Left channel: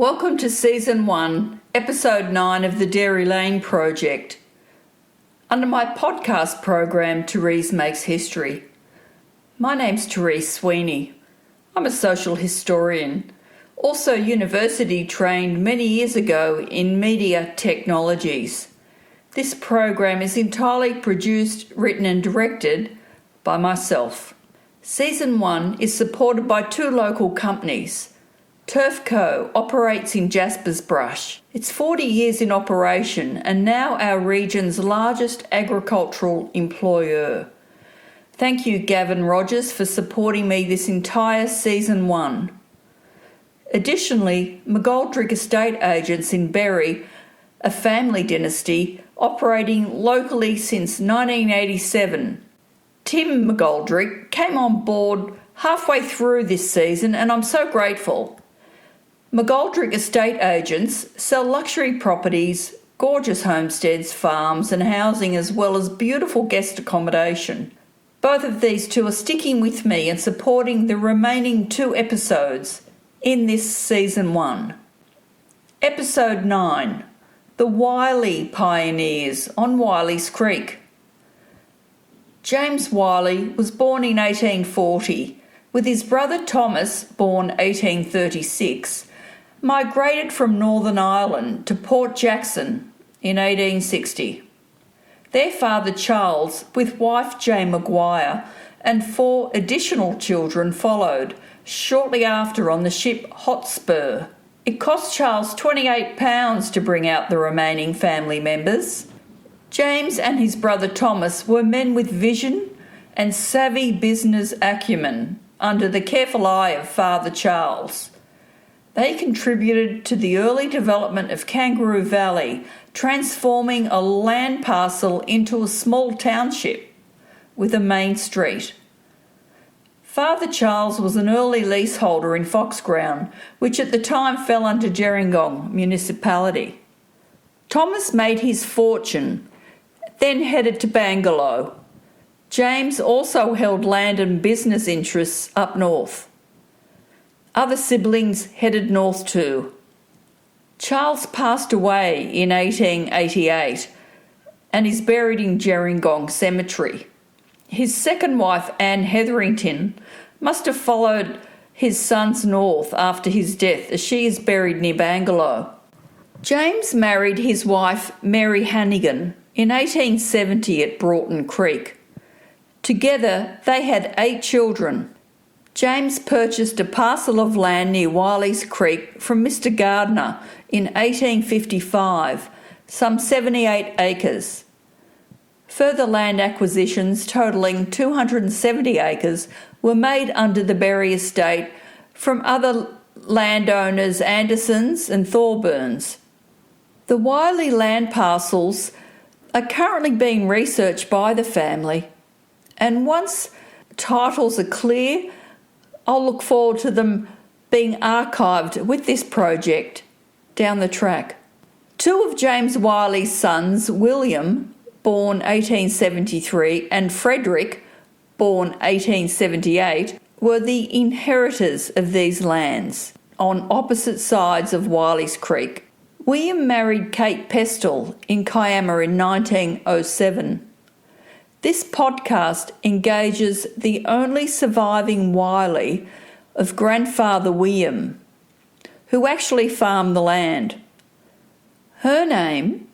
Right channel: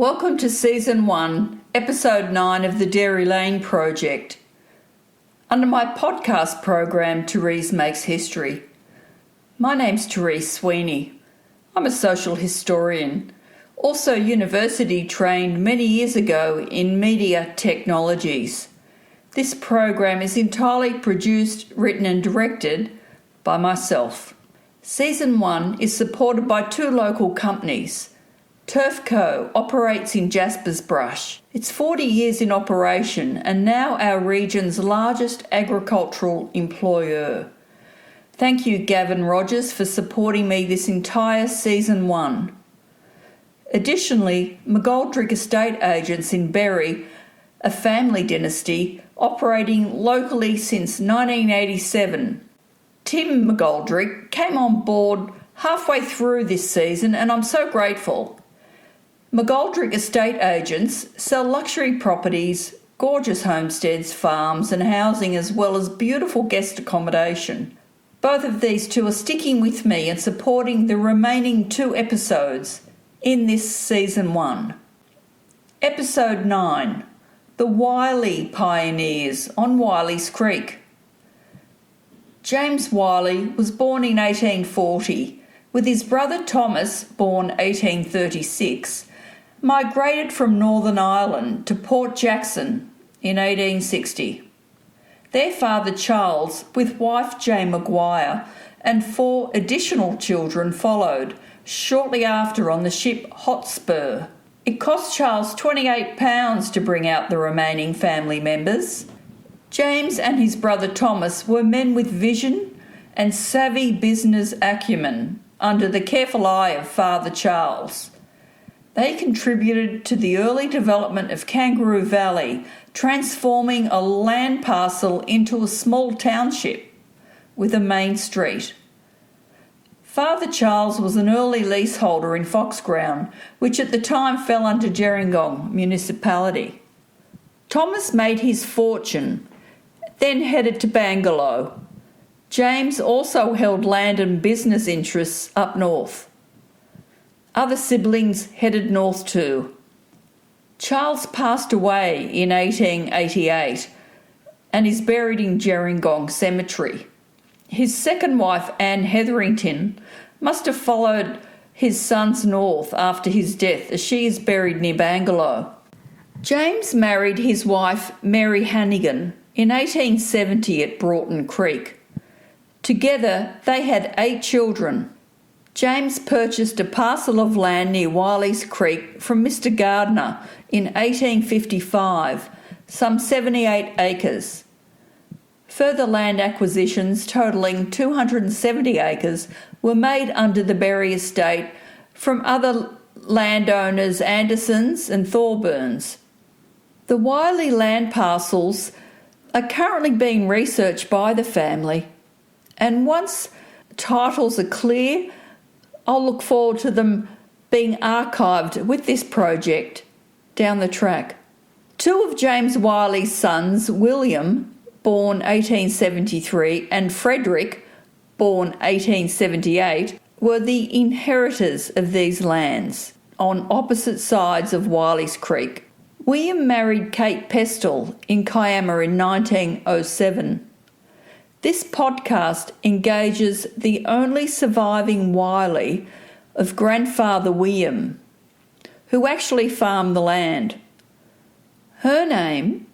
Welcome to Season 1, Episode 9 of the Dairy Lane Project. Under my podcast program, Therese Makes History. My name's Therese Sweeney. I'm a social historian, also university trained many years ago in media technologies. This program is entirely produced, written and directed by myself. Season 1 is supported by two local companies. Turf Co. operates in Jaspers Brush. It's 40 years in operation and now our region's largest agricultural employer. Thank you, Gavin Rogers, for supporting me this entire Season 1. Additionally, McGoldrick Estate Agents in Berry, a family dynasty operating locally since 1987. Tim McGoldrick came on board halfway through this season and I'm so grateful. McGoldrick Estate Agents sell luxury properties, gorgeous homesteads, farms and housing as well as beautiful guest accommodation. Both of these two are sticking with me and supporting the remaining 2 episodes in this Season 1. Episode 9, The Wiley Pioneers on Wileys Creek. James Wiley was born in 1840, with his brother Thomas, born 1836, migrated from Northern Ireland to Port Jackson in 1860. Their father Charles, with wife Jane Maquire, and 4 additional children followed shortly after on the ship Hotspur. It cost Charles £28 to bring out the remaining family members. James and his brother Thomas were men with vision and savvy business acumen under the careful eye of Father Charles. They contributed to the early development of Kangeroo Valley, transforming a land parcel into a small township with a main street. Father Charles was an early leaseholder in Foxground, which at the time fell under Gerringong Municipality. Thomas made his fortune, then headed to Bangalow. James also held land and business interests up north. Other siblings headed north too. Charles passed away in 1888 and is buried in Gerringong Cemetery. His second wife, Anne Heatherington, must have followed his sons north after his death, as she is buried near Bangalow. James married his wife, Mary Hannigan, in 1870 at Broughton Creek. Together, they had 8 children. James purchased a parcel of land near Wileys Creek from Mr. Gardner in 1855, some 78 acres. Further land acquisitions totalling 270 acres were made under the Berry estate from other landowners Andersons and Thorburns. The Wiley land parcels are currently being researched by the family, and once titles are clear, I'll look forward to them being archived with this project down the track. 2 of James Wiley's sons, William, born 1873, and Frederick, born 1878, were the inheritors of these lands on opposite sides of Wileys Creek. William married Kate Pestle in Kiama in 1907. This podcast engages the only surviving Wiley of grandfather William, who actually farmed the land. Her name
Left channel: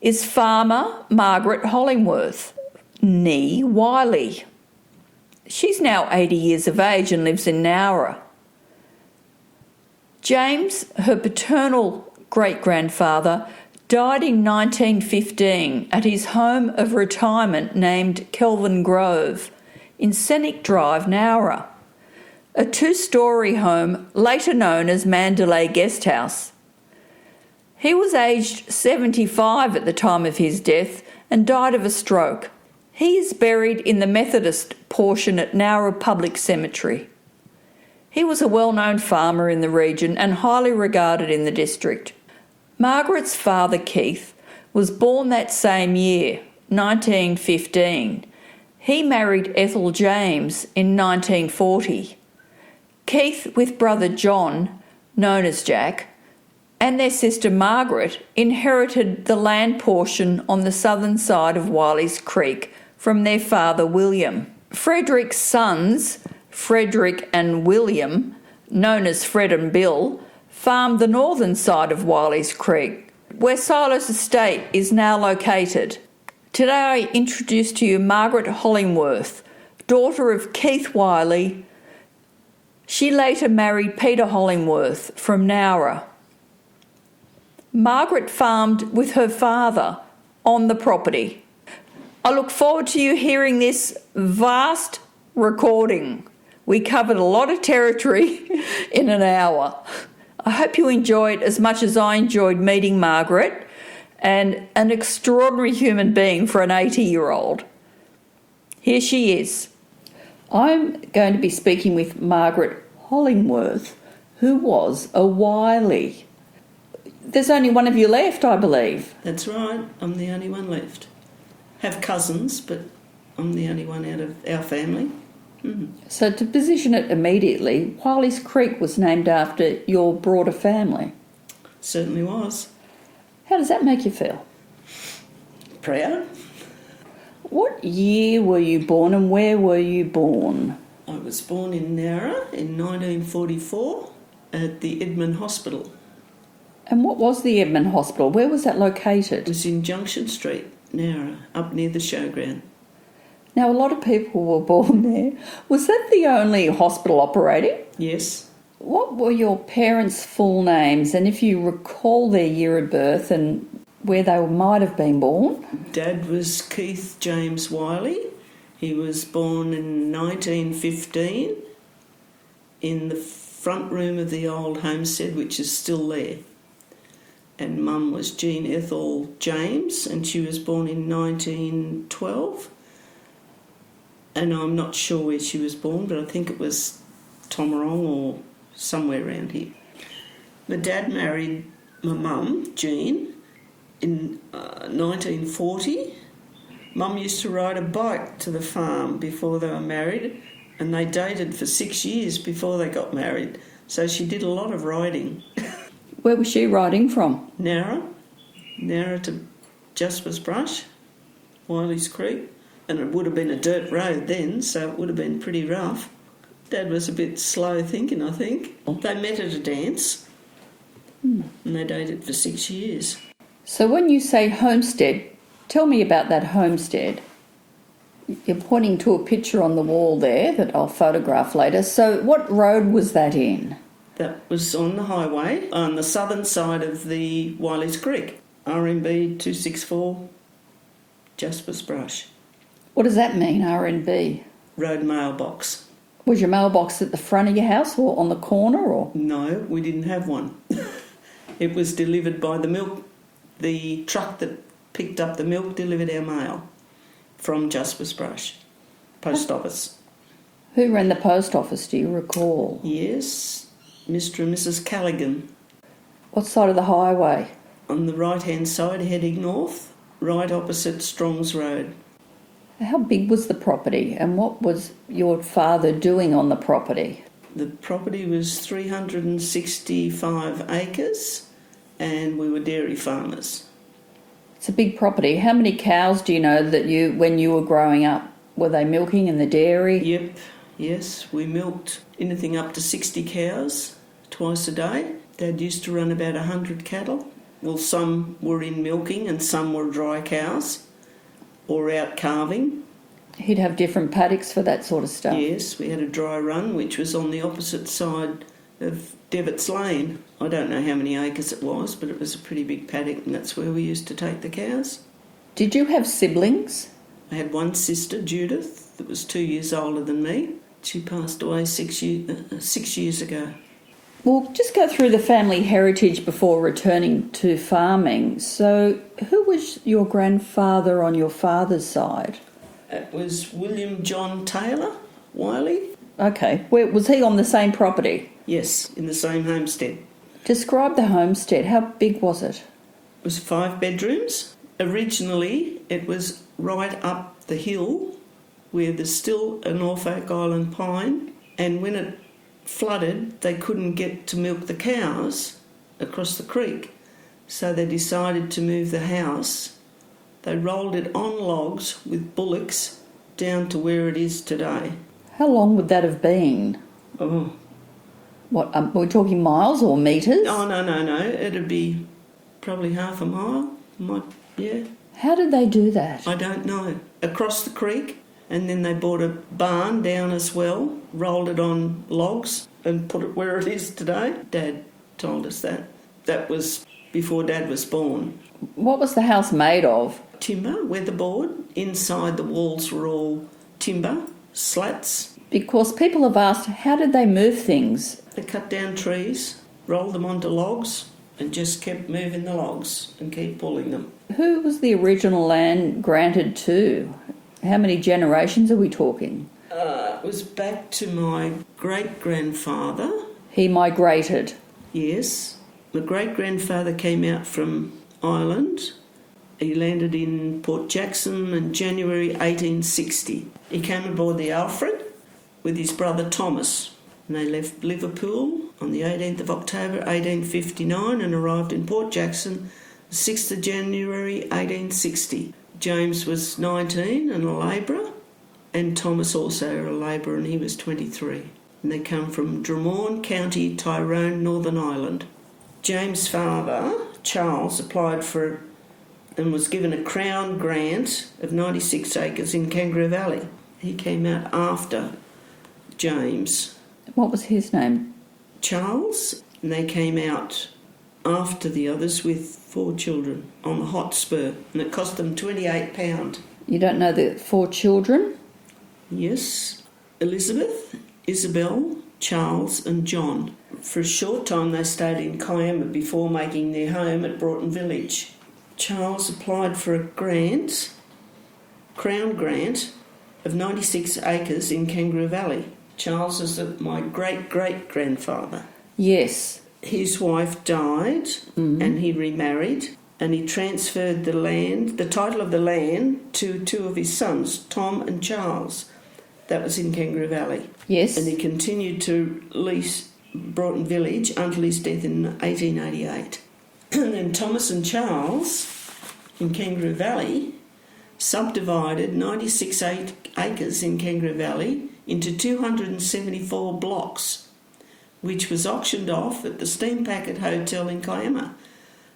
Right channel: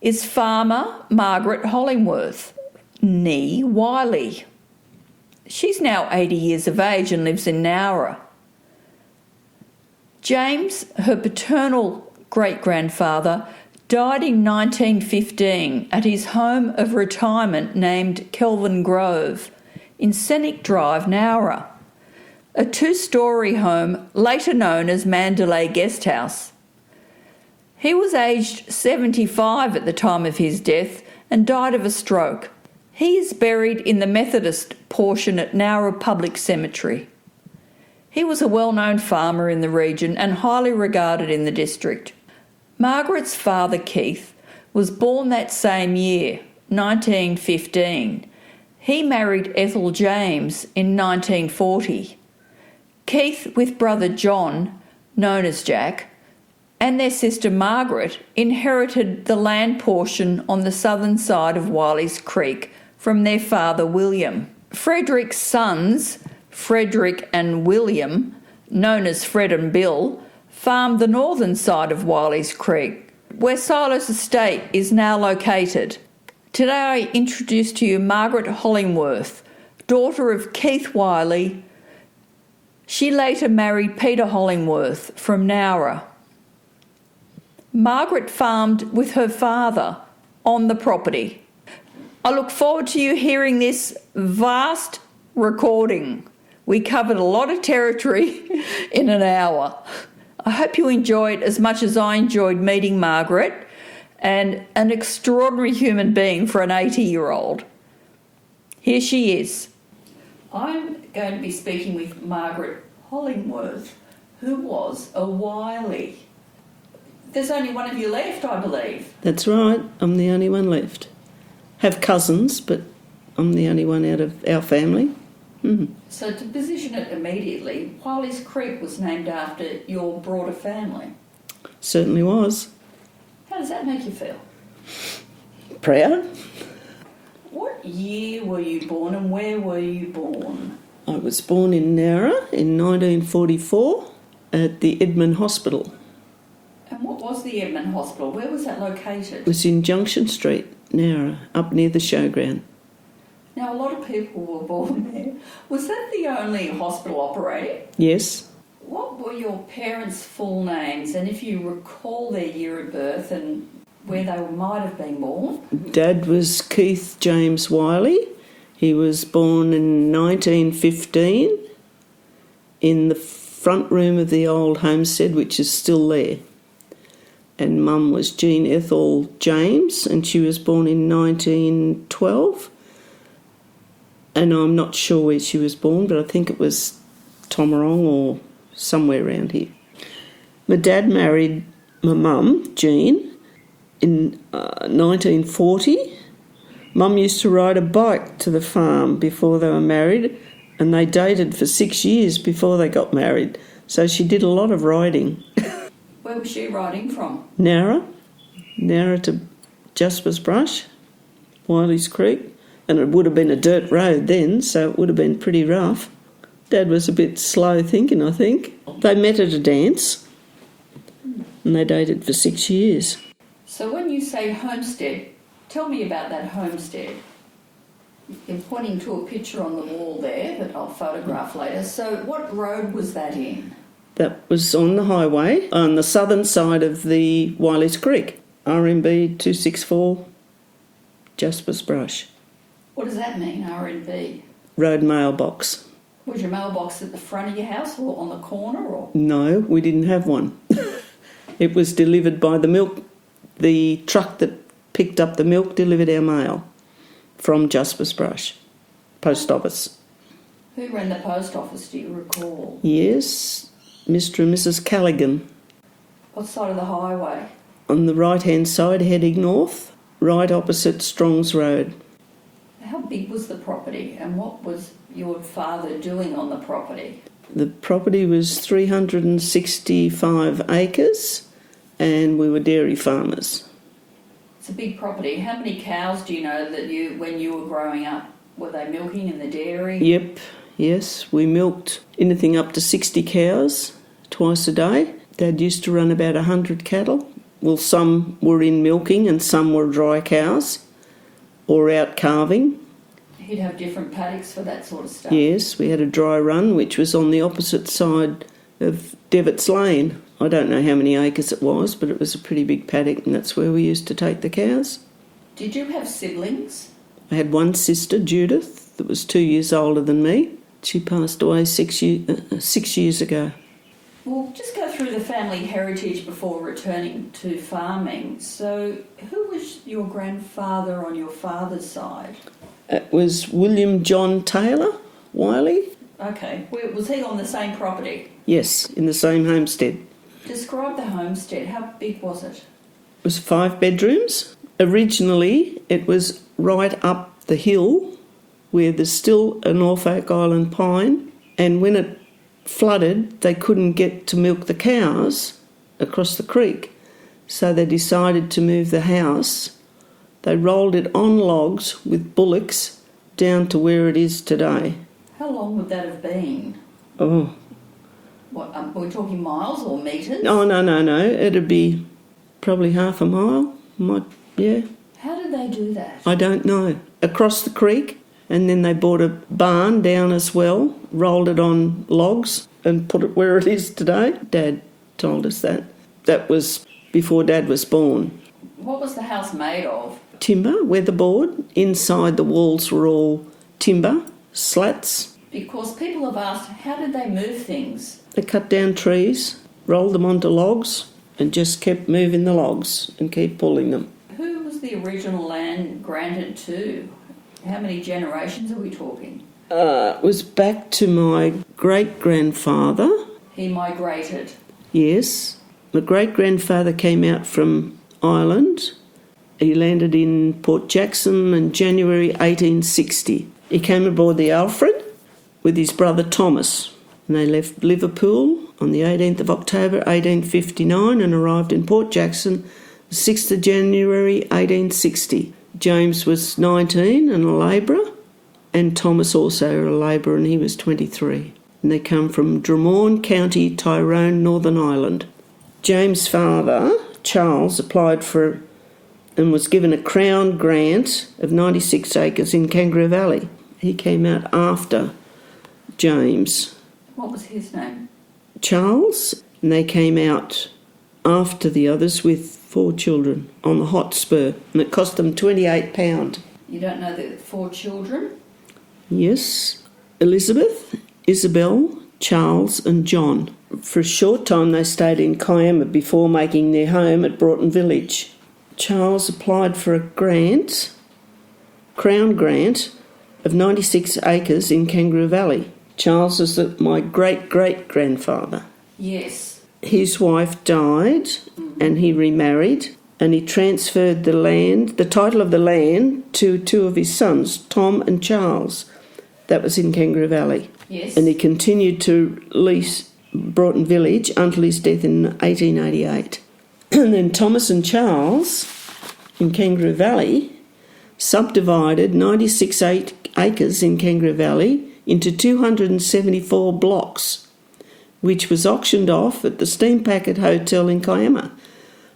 is Farmer Margaret Hollingworth, née Wiley. She's now 80 years of age and lives in Nowra. James, her paternal great-grandfather, died in 1915 at his home of retirement named Kelvin Grove in Scenic Drive, Nowra, a 2-storey home later known as Mandalay Guest House. He was aged 75 at the time of his death and died of a stroke. He is buried in the Methodist portion at Nowra Public Cemetery. He was a well-known farmer in the region and highly regarded in the district. Margaret's father, Keith, was born that same year, 1915. He married Ethel James in 1940. Keith, with brother John, known as Jack, and their sister Margaret inherited the land portion on the southern side of Wileys Creek from their father William. Frederick's sons, Frederick and William, known as Fred and Bill, farmed the northern side of Wileys Creek, where Silas Estate is now located. Today I introduce to you Margaret Hollingworth, daughter of Keith Wiley. She later married Peter Hollingworth from Nowra. Margaret farmed with her father on the property. I look forward to you hearing this vast recording. We covered a lot of territory in an hour. I hope you enjoy it as much as I enjoyed meeting Margaret, and an extraordinary human being for an 80-year-old. Here she is. I'm going to be speaking with Margaret Hollingworth, who was a Wiley. There's only one of you left, I believe. That's right, I'm the only one left. Have cousins, but I'm the only one out of our family. Mm-hmm. So to position it immediately, Wileys Creek was named after your broader family. Certainly was. How does that make you feel? Proud. What year were you born and where were you born? I was born in Nowra in 1944 at the Edmund Hospital. And what was the Edmund Hospital? Where was that located? It was in Junction Street, Nowra, up near the showground. Now, a lot of people were born there. Was that the only hospital operating? Yes. What were your parents' full names, and if you recall their year of birth and where they might have been born? Dad was Keith James Wiley. He was born in 1915 in the front room of the old homestead, which is still there. And Mum was Jean Ethel James, and she was born in 1912. And I'm not sure where she was born, but I think it was Tomarong or somewhere around here. My dad married my mum, Jean, in 1940. Mum used to ride a bike to the farm before they were married, and they dated for 6 years before they got married. So she did a lot of riding. Where was she riding from? Nowra to Jasper's Brush, Wileys Creek. And it would have been a dirt road then, so it would have been pretty rough. Dad was a bit slow thinking, I think. They met at a dance, and they dated for 6 years. So when you say homestead, tell me about that homestead. You're pointing to a picture on the wall there that I'll photograph later. So what road was that in? That was on the highway, on the southern side of the Wileys Creek, RMB 264, Jasper's Brush. What does that mean, R&B? Road mailbox. Was your mailbox at the front of your house or on the corner? Or? No, we didn't have one. It was delivered by the truck that picked up the milk delivered our mail from Jasper's Brush, post office. Who ran the post office, do you recall? Yes, Mr. and Mrs. Callaghan. What side of the highway? On the right-hand side, heading north, right opposite Strong's Road. How big was the property and what was your father doing on the property? The property was 365 acres and we were dairy farmers. It's a big property. How many cows do you know that when you were growing up, were they milking in the dairy? Yep, yes, we milked anything up to 60 cows twice a day. Dad used to run about 100 cattle. Well, some were in milking and some were dry cows or out calving. He'd have different paddocks for that sort of stuff? Yes, we had a dry run which was on the opposite side of Devitt's Lane. I don't know how many acres it was, but it was a pretty big paddock and that's where we used to take the cows. Did you have siblings? I had one sister, Judith, that was 2 years older than me. She passed away 6 years ago. We'll just go through the family heritage before returning to farming. So who was your grandfather on your father's side? It was William John Taylor, Wiley. Okay. Was he on the same property? Yes, in the same homestead. Describe the homestead. How big was it? It was 5 bedrooms. Originally, it was right up the hill where there's still a Norfolk Island pine, and when it flooded, they couldn't get to milk the cows across the creek. So they decided to move the house. They rolled it on logs with bullocks down to where it is today. How long would that have been? Oh. What, we're talking miles or metres? Oh, no. It'd be probably half a mile. Yeah. How did they do that? I don't know. Across the creek, and then they bought a barn down as well, rolled it on logs and put it where it is today. Dad told us that. That was before Dad was born. What was the house made of? Timber, weatherboard. Inside the walls were all timber, slats. Because people have asked, how did they move things? They cut down trees, rolled them onto logs, and just kept moving the logs and keep pulling them. Who was the original land granted to? How many generations are we talking? It was back to my great-grandfather. He migrated? Yes. My great-grandfather came out from Ireland. He landed in Port Jackson in January 1860. He came aboard the Alfred with his brother Thomas, and they left Liverpool on the 18th of October 1859 and arrived in Port Jackson the 6th of January 1860. James was 19 and a labourer, and Thomas also a labourer, and he was 23. And they come from Drumorne County, Tyrone, Northern Ireland. James' father, Charles, applied for and was given a Crown grant of 96 acres in Kangeroo Valley. He came out after James. What was his name? Charles. And they came out after the others with 4 children on the hot spur, and it cost them £28. You don't know the 4 children? Yes. Elizabeth, Isabel, Charles and John. For a short time they stayed in Kiama before making their home at Broughton Village. Charles applied for a grant, Crown grant, of 96 acres in Kangeroo Valley. Charles is my great-great-grandfather. Yes. His wife died and he remarried, and he transferred the title of the land to 2 of his sons, Tom and Charles. That was in Kangeroo Valley. Yes. And he continued to lease Broughton Village until his death in 1888. And then Thomas and Charles in Kangeroo Valley subdivided 96 acres in Kangeroo Valley into 274 blocks, which was auctioned off at the Steam Packet Hotel in Kiama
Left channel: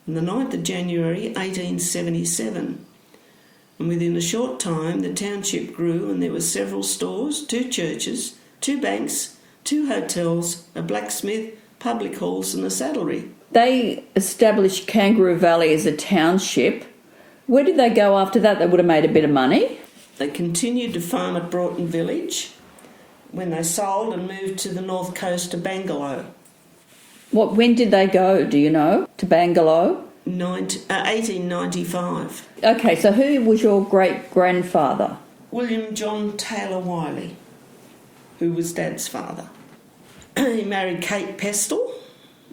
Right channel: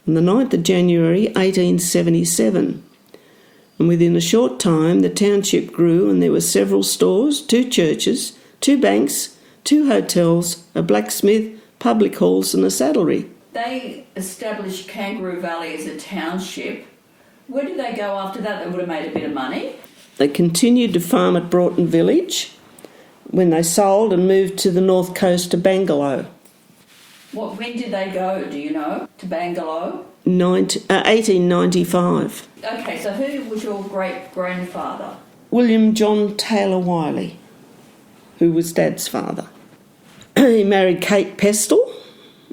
on the 9th of January 1877. And within a short time the township grew, and there were several stores, 2 churches, 2 banks, 2 hotels, a blacksmith, public halls and a saddlery. They established Kangeroo Valley as a township. Where did they go after that? They would have made a bit of money. They continued to farm at Broughton Village when they sold and moved to the north coast to Bangalow. When did they go, do you know, to Bangalow? 1895. Okay, so who was your great-grandfather? William John Taylor Wiley, who was Dad's father. He married Kate Pestle.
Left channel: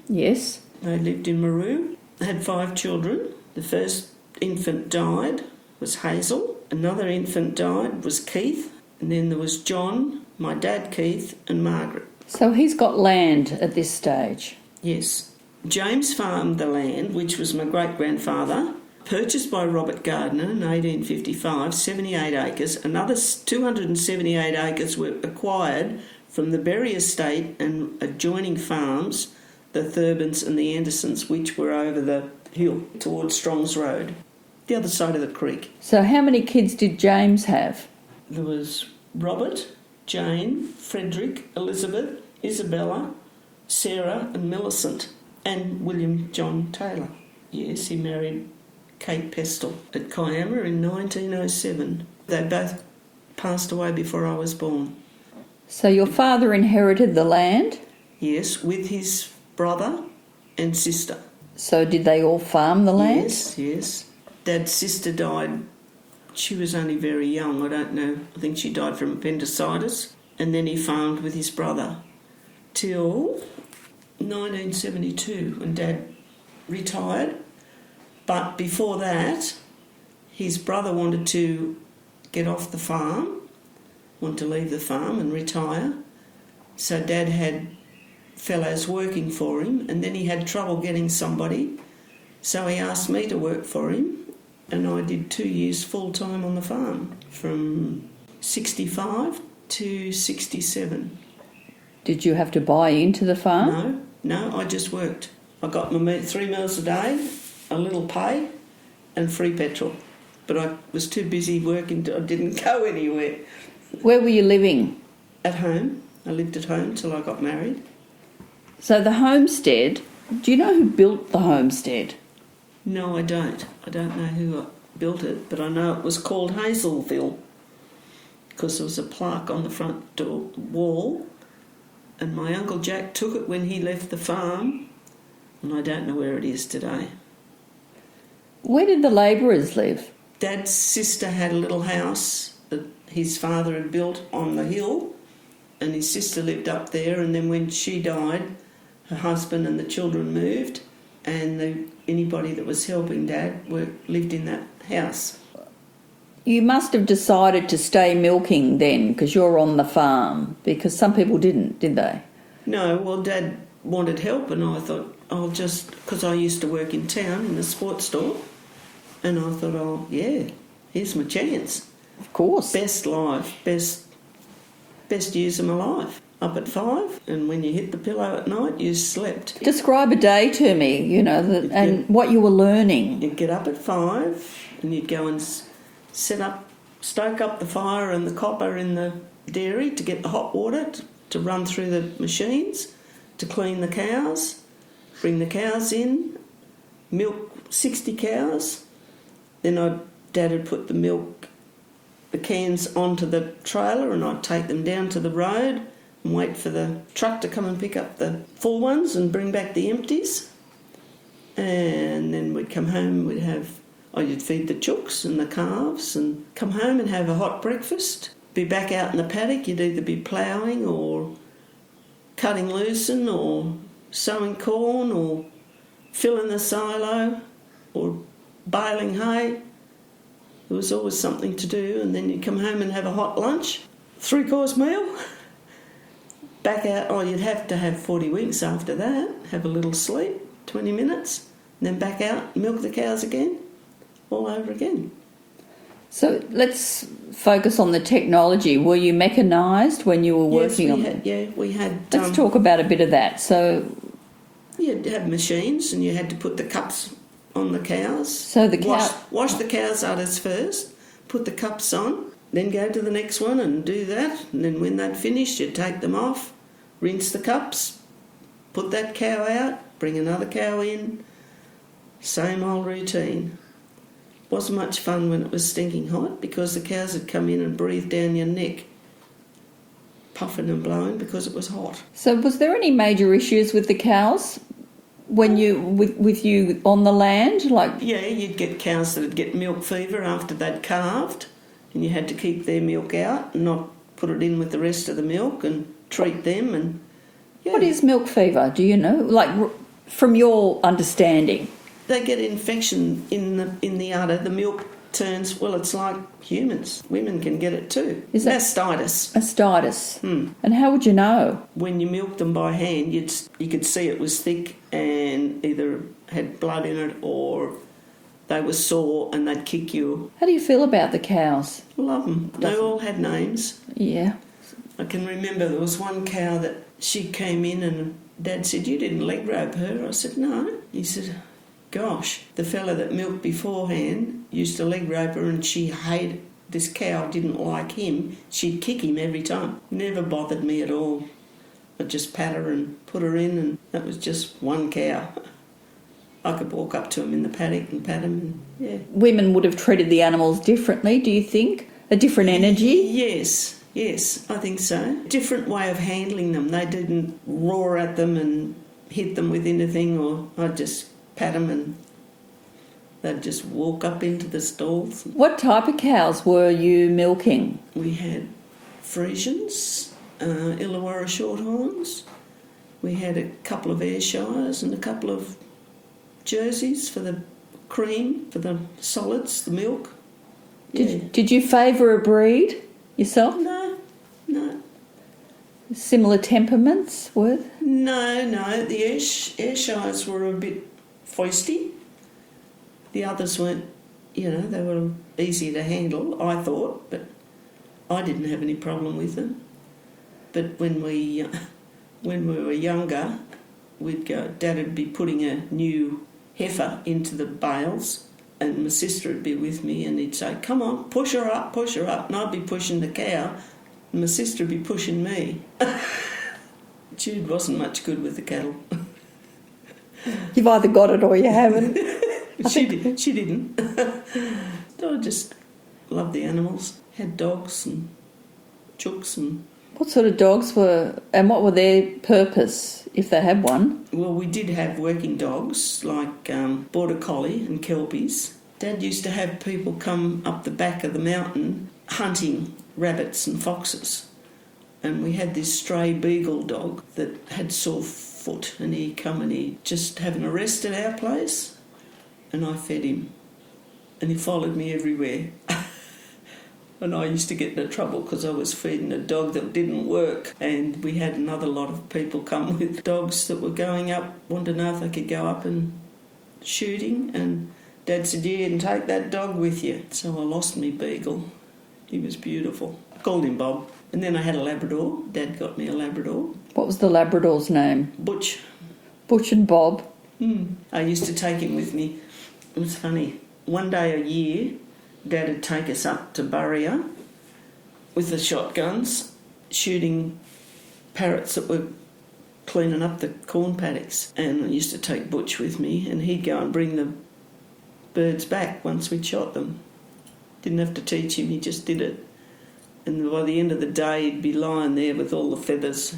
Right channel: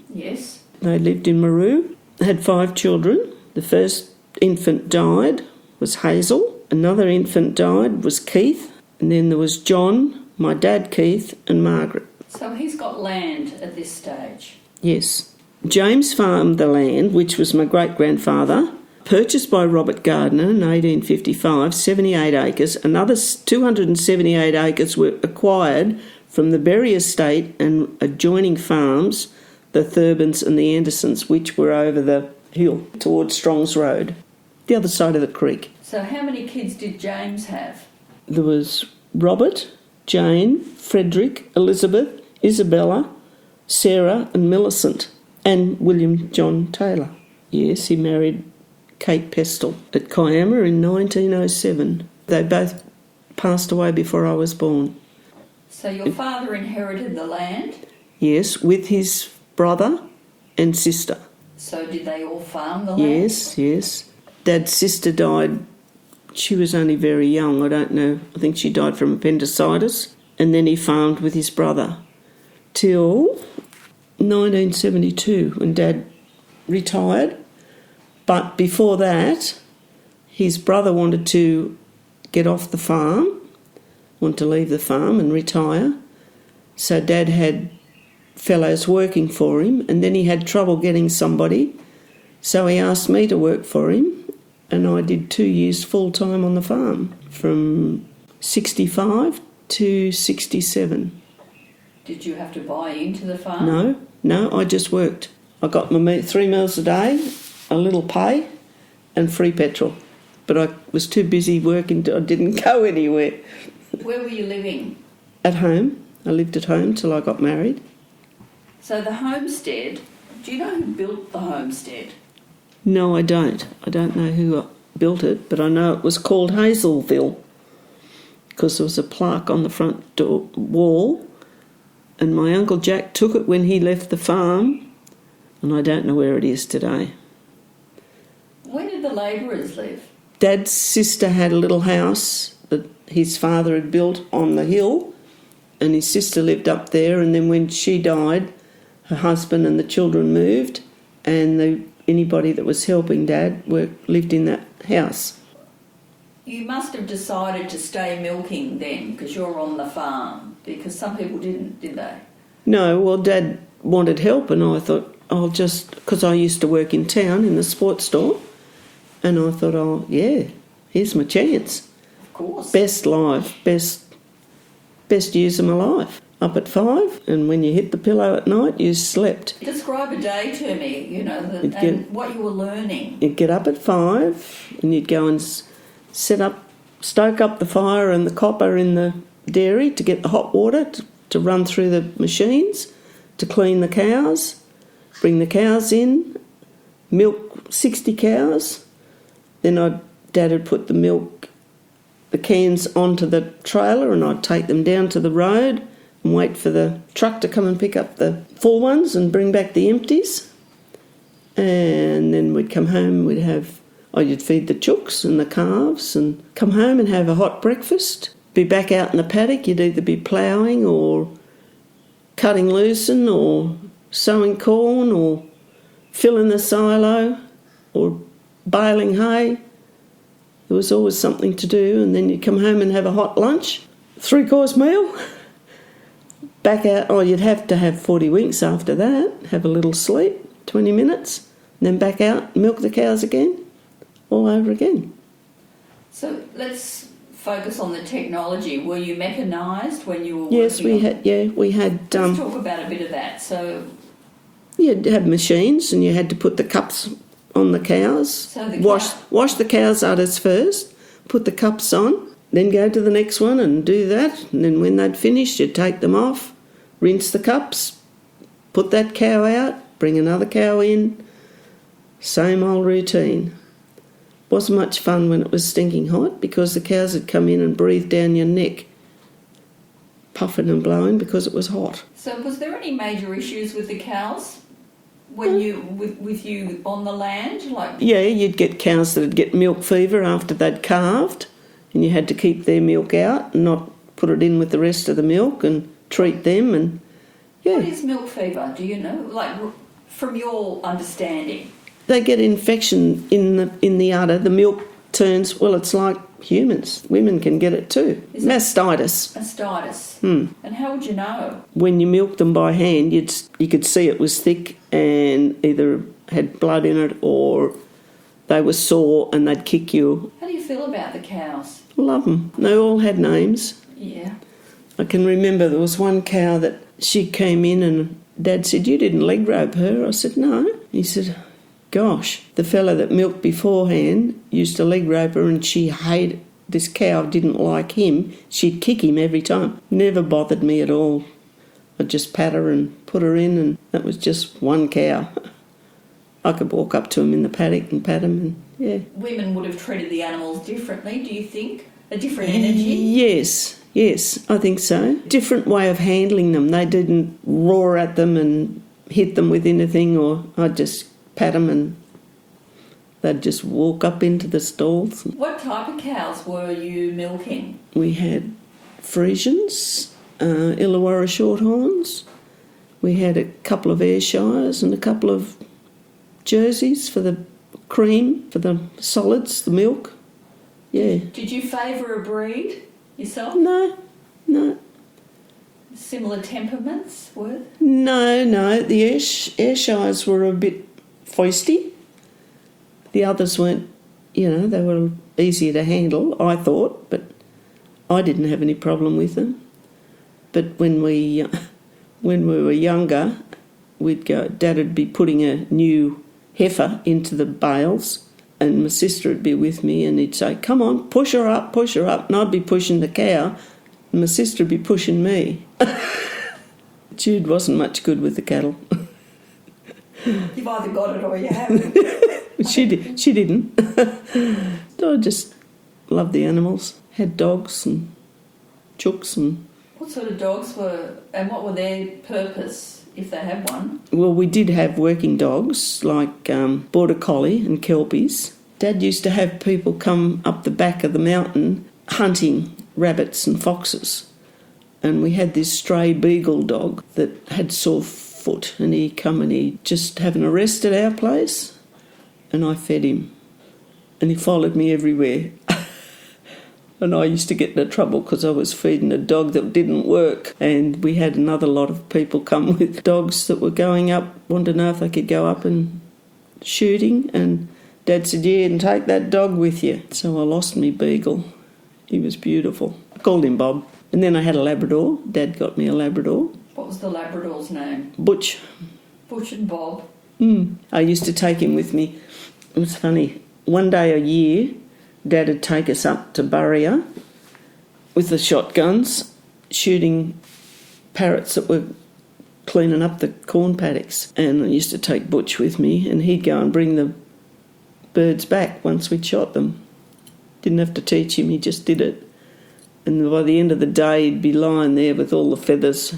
Yes. They lived in Maru, had 5 children. The first infant died, was Hazel. Another infant died, was Keith. And then there was John, my dad Keith, and Margaret. So he's got land at this stage? Yes. James farmed the land, which was my great-grandfather, purchased by Robert Gardner in 1855, 78 acres. Another 278 acres were acquired from the Berry Estate and adjoining farms, the Thurbans and the Andersons, which were over the hill towards Strong's Road, the other side of the creek. So how many kids did James have? There was Robert, Jane, Frederick, Elizabeth, Isabella, Sarah and Millicent, and William John Taylor. Yes, he married Kate Pestle at Kiama in 1907. They both passed away before I was born. So your father inherited the land? Yes, with his brother and sister. So did they all farm the land? Yes. Dad's sister died. She was only very young, I don't know. I think she died from appendicitis. And then he farmed with his brother till 1972 when Dad retired. But before that, his brother wanted to get off the farm, wanted to leave the farm and retire. So Dad had fellows working for him, and then he had trouble getting somebody, so he asked me to work for him, and I did 2 years full-time on the farm, from 65 to 67. Did you have to buy into the farm? No, I just worked. I got my 3 meals a day, a little pay, and free petrol. But I was too busy working, I didn't go anywhere. Where were you living? At home. I lived at home till I got married. So the homestead, do you know who built the homestead? No, I don't. I don't know who built it, but I know it was called Hazelville because there was a plaque on the front door wall, and my Uncle Jack took it when he left the farm, and I don't know where it is today. Where did the labourers live? Dad's sister had a little house that his father had built on the hill, and his sister lived up there, and then when she died, her husband and the children moved, and anybody that was helping Dad lived in that house. You must have decided to stay milking then because you're on the farm, because some people didn't, did they? No, well, Dad wanted help, and I thought, I'll just, because I used to work in town in the sports store, and I thought, oh, yeah, here's my chance. Of course. Best life, best years of my life. Up at 5, and when you hit the pillow at night, you slept. Describe a day to me, and what you were learning. You'd get up at 5, and you'd go and stoke up the fire and the copper in the dairy to get the hot water to run through the machines, to clean the cows, bring the cows in, milk 60 cows. Then Dad would put the cans onto the trailer, and I'd take them down to the road and wait for the truck to come and pick up the full ones and bring back the empties. And then we'd come home, you'd feed the chooks and the calves and come home and have a hot breakfast. Be back out in the paddock, you'd either be ploughing or cutting lucerne or sowing corn or filling the silo or baling hay. There was always something to do, and then you'd come home and have a hot lunch, 3-course meal. Back out, you'd have to have 40 winks after that, have a little sleep, 20 minutes, and then back out, milk the cows again, all over again. So let's focus on the technology. Were you mechanised when you were working? Yes, we had. Let's talk about a bit of that. So you'd have machines, and you had to put the cups on the cows. So wash the cows' udders first, put the cups on, then go to the next one and do that. And then when they'd finished, you'd take them off, rinse the cups, put that cow out, bring another cow in. Same old routine. Wasn't much fun when it was stinking hot because the cows would come in and breathe down your neck, puffing and blowing because it was hot. So was there any major issues with the cows when with you on the land? Yeah, you'd get cows that'd get milk fever after they'd calved, and you had to keep their milk out and not put it in with the rest of the milk and treat them. And What is milk fever? Do you know? From your understanding. They get infection in the udder. The milk turns, it's like humans. Women can get it too. Is it mastitis? Mastitis. And how would you know? When you milked them by hand, you could see it was thick and either had blood in it or they were sore and they'd kick you. How do you feel about the cows? Love them. They all had names. Yeah. I can remember there was one cow that she came in and Dad said, "You didn't leg rope her." I said, "No." He said, "Gosh, the fella that milked beforehand used to leg rope her, and she hated, this cow didn't like him. She'd kick him every time. Never bothered me at all. I'd just pat her and put her in, and that was just one cow. I could walk up to him in the paddock and pat him, and yeah." Women would have treated the animals differently, do you think? A different energy? Yes, I think so. Different way of handling them. They didn't roar at them and hit them with anything, or I'd just pat them and they'd just walk up into the stalls. What type of cows were you milking? We had Friesians, Illawarra Shorthorns. We had a couple of Ayrshires and a couple of Jerseys for the cream, for the solids, the milk. Yeah. Did you favour a breed yourself? No. Similar temperaments, were? No, the Ayrshires were a bit feisty. The others weren't, they were easier to handle, I thought, but I didn't have any problem with them. But when we were younger, Dad would be putting a new heifer into the bales, and my sister would be with me, and he'd say, "Come on, push her up," and I'd be pushing the cow, and my sister would be pushing me. Jude wasn't much good with the cattle. You've either got it or you haven't. She didn't. I just loved the animals. Had dogs and chooks and... What sort of dogs and what were their purpose, if they had one? Well, we did have working dogs, like Border Collie and Kelpies. Dad used to have people come up the back of the mountain hunting rabbits and foxes. And we had this stray beagle dog that had sore foot, and he'd come and he'd just have an arrest at our place, and I fed him. And he followed me everywhere. And I used to get into trouble because I was feeding a dog that didn't work. And we had another lot of people come with dogs that were going up, wanted to know if they could go up and shooting. And Dad said, "Yeah, and take that dog with you." So I lost me beagle. He was beautiful. I called him Bob. And then I had a Labrador. Dad got me a Labrador. What was the Labrador's name? Butch. Butch and Bob. I used to take him with me. It was funny. One day a year, Dad would take us up to Burrier with the shotguns, shooting parrots that were cleaning up the corn paddocks. And I used to take Butch with me, and he'd go and bring the birds back once we'd shot them. Didn't have to teach him, he just did it. And by the end of the day, he'd be lying there with all the feathers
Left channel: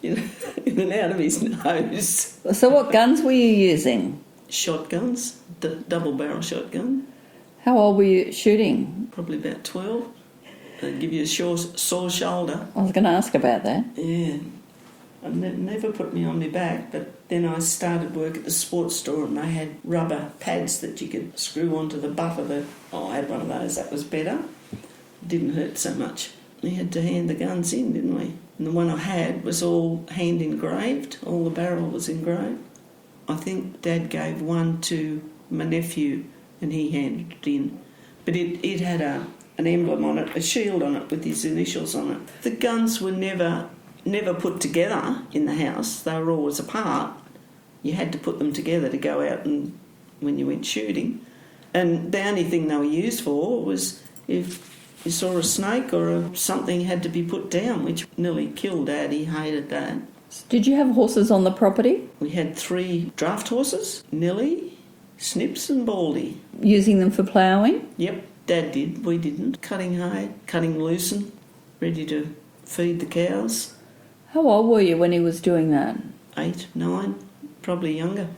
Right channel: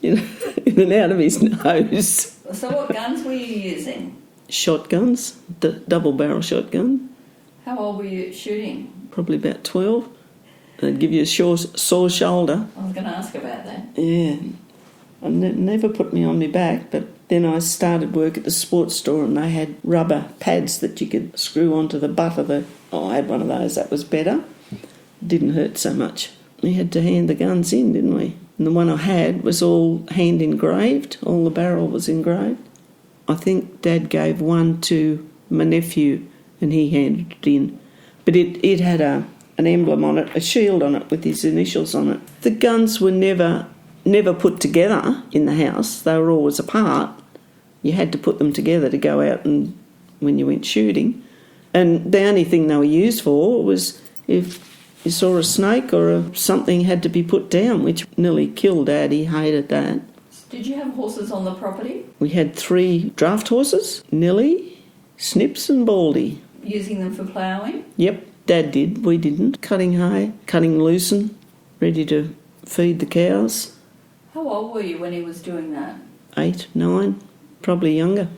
in and out of his nose. So what guns were you using? Shotguns, the double-barrel shotgun. How old were you shooting? Probably about 12. They'd give you a sore shoulder. I was going to ask about that. Yeah. I never put me on my back, but then I started work at the sports store, and they had rubber pads that you could screw onto the butt of the... I had one of those. That was better. Didn't hurt so much. We had to hand the guns in, didn't we? And the one I had was all hand engraved. All the barrel was engraved. I think Dad gave one to my nephew, and he handed it in. But it had an emblem on it, a shield on it with his initials on it. The guns were never put together in the house. They were always apart. You had to put them together to go out and when you went shooting. And the only thing they were used for was if you saw a snake or something had to be put down, which nearly killed Dad. He hated that. Did you have horses on the property? We had 3 draft horses, Nilly, Snips and Baldy. Using them for ploughing? Yep, Dad did. We didn't. Cutting hay, cutting lucerne, ready to feed the cows. How old were you when he was doing that? 8, 9, probably younger.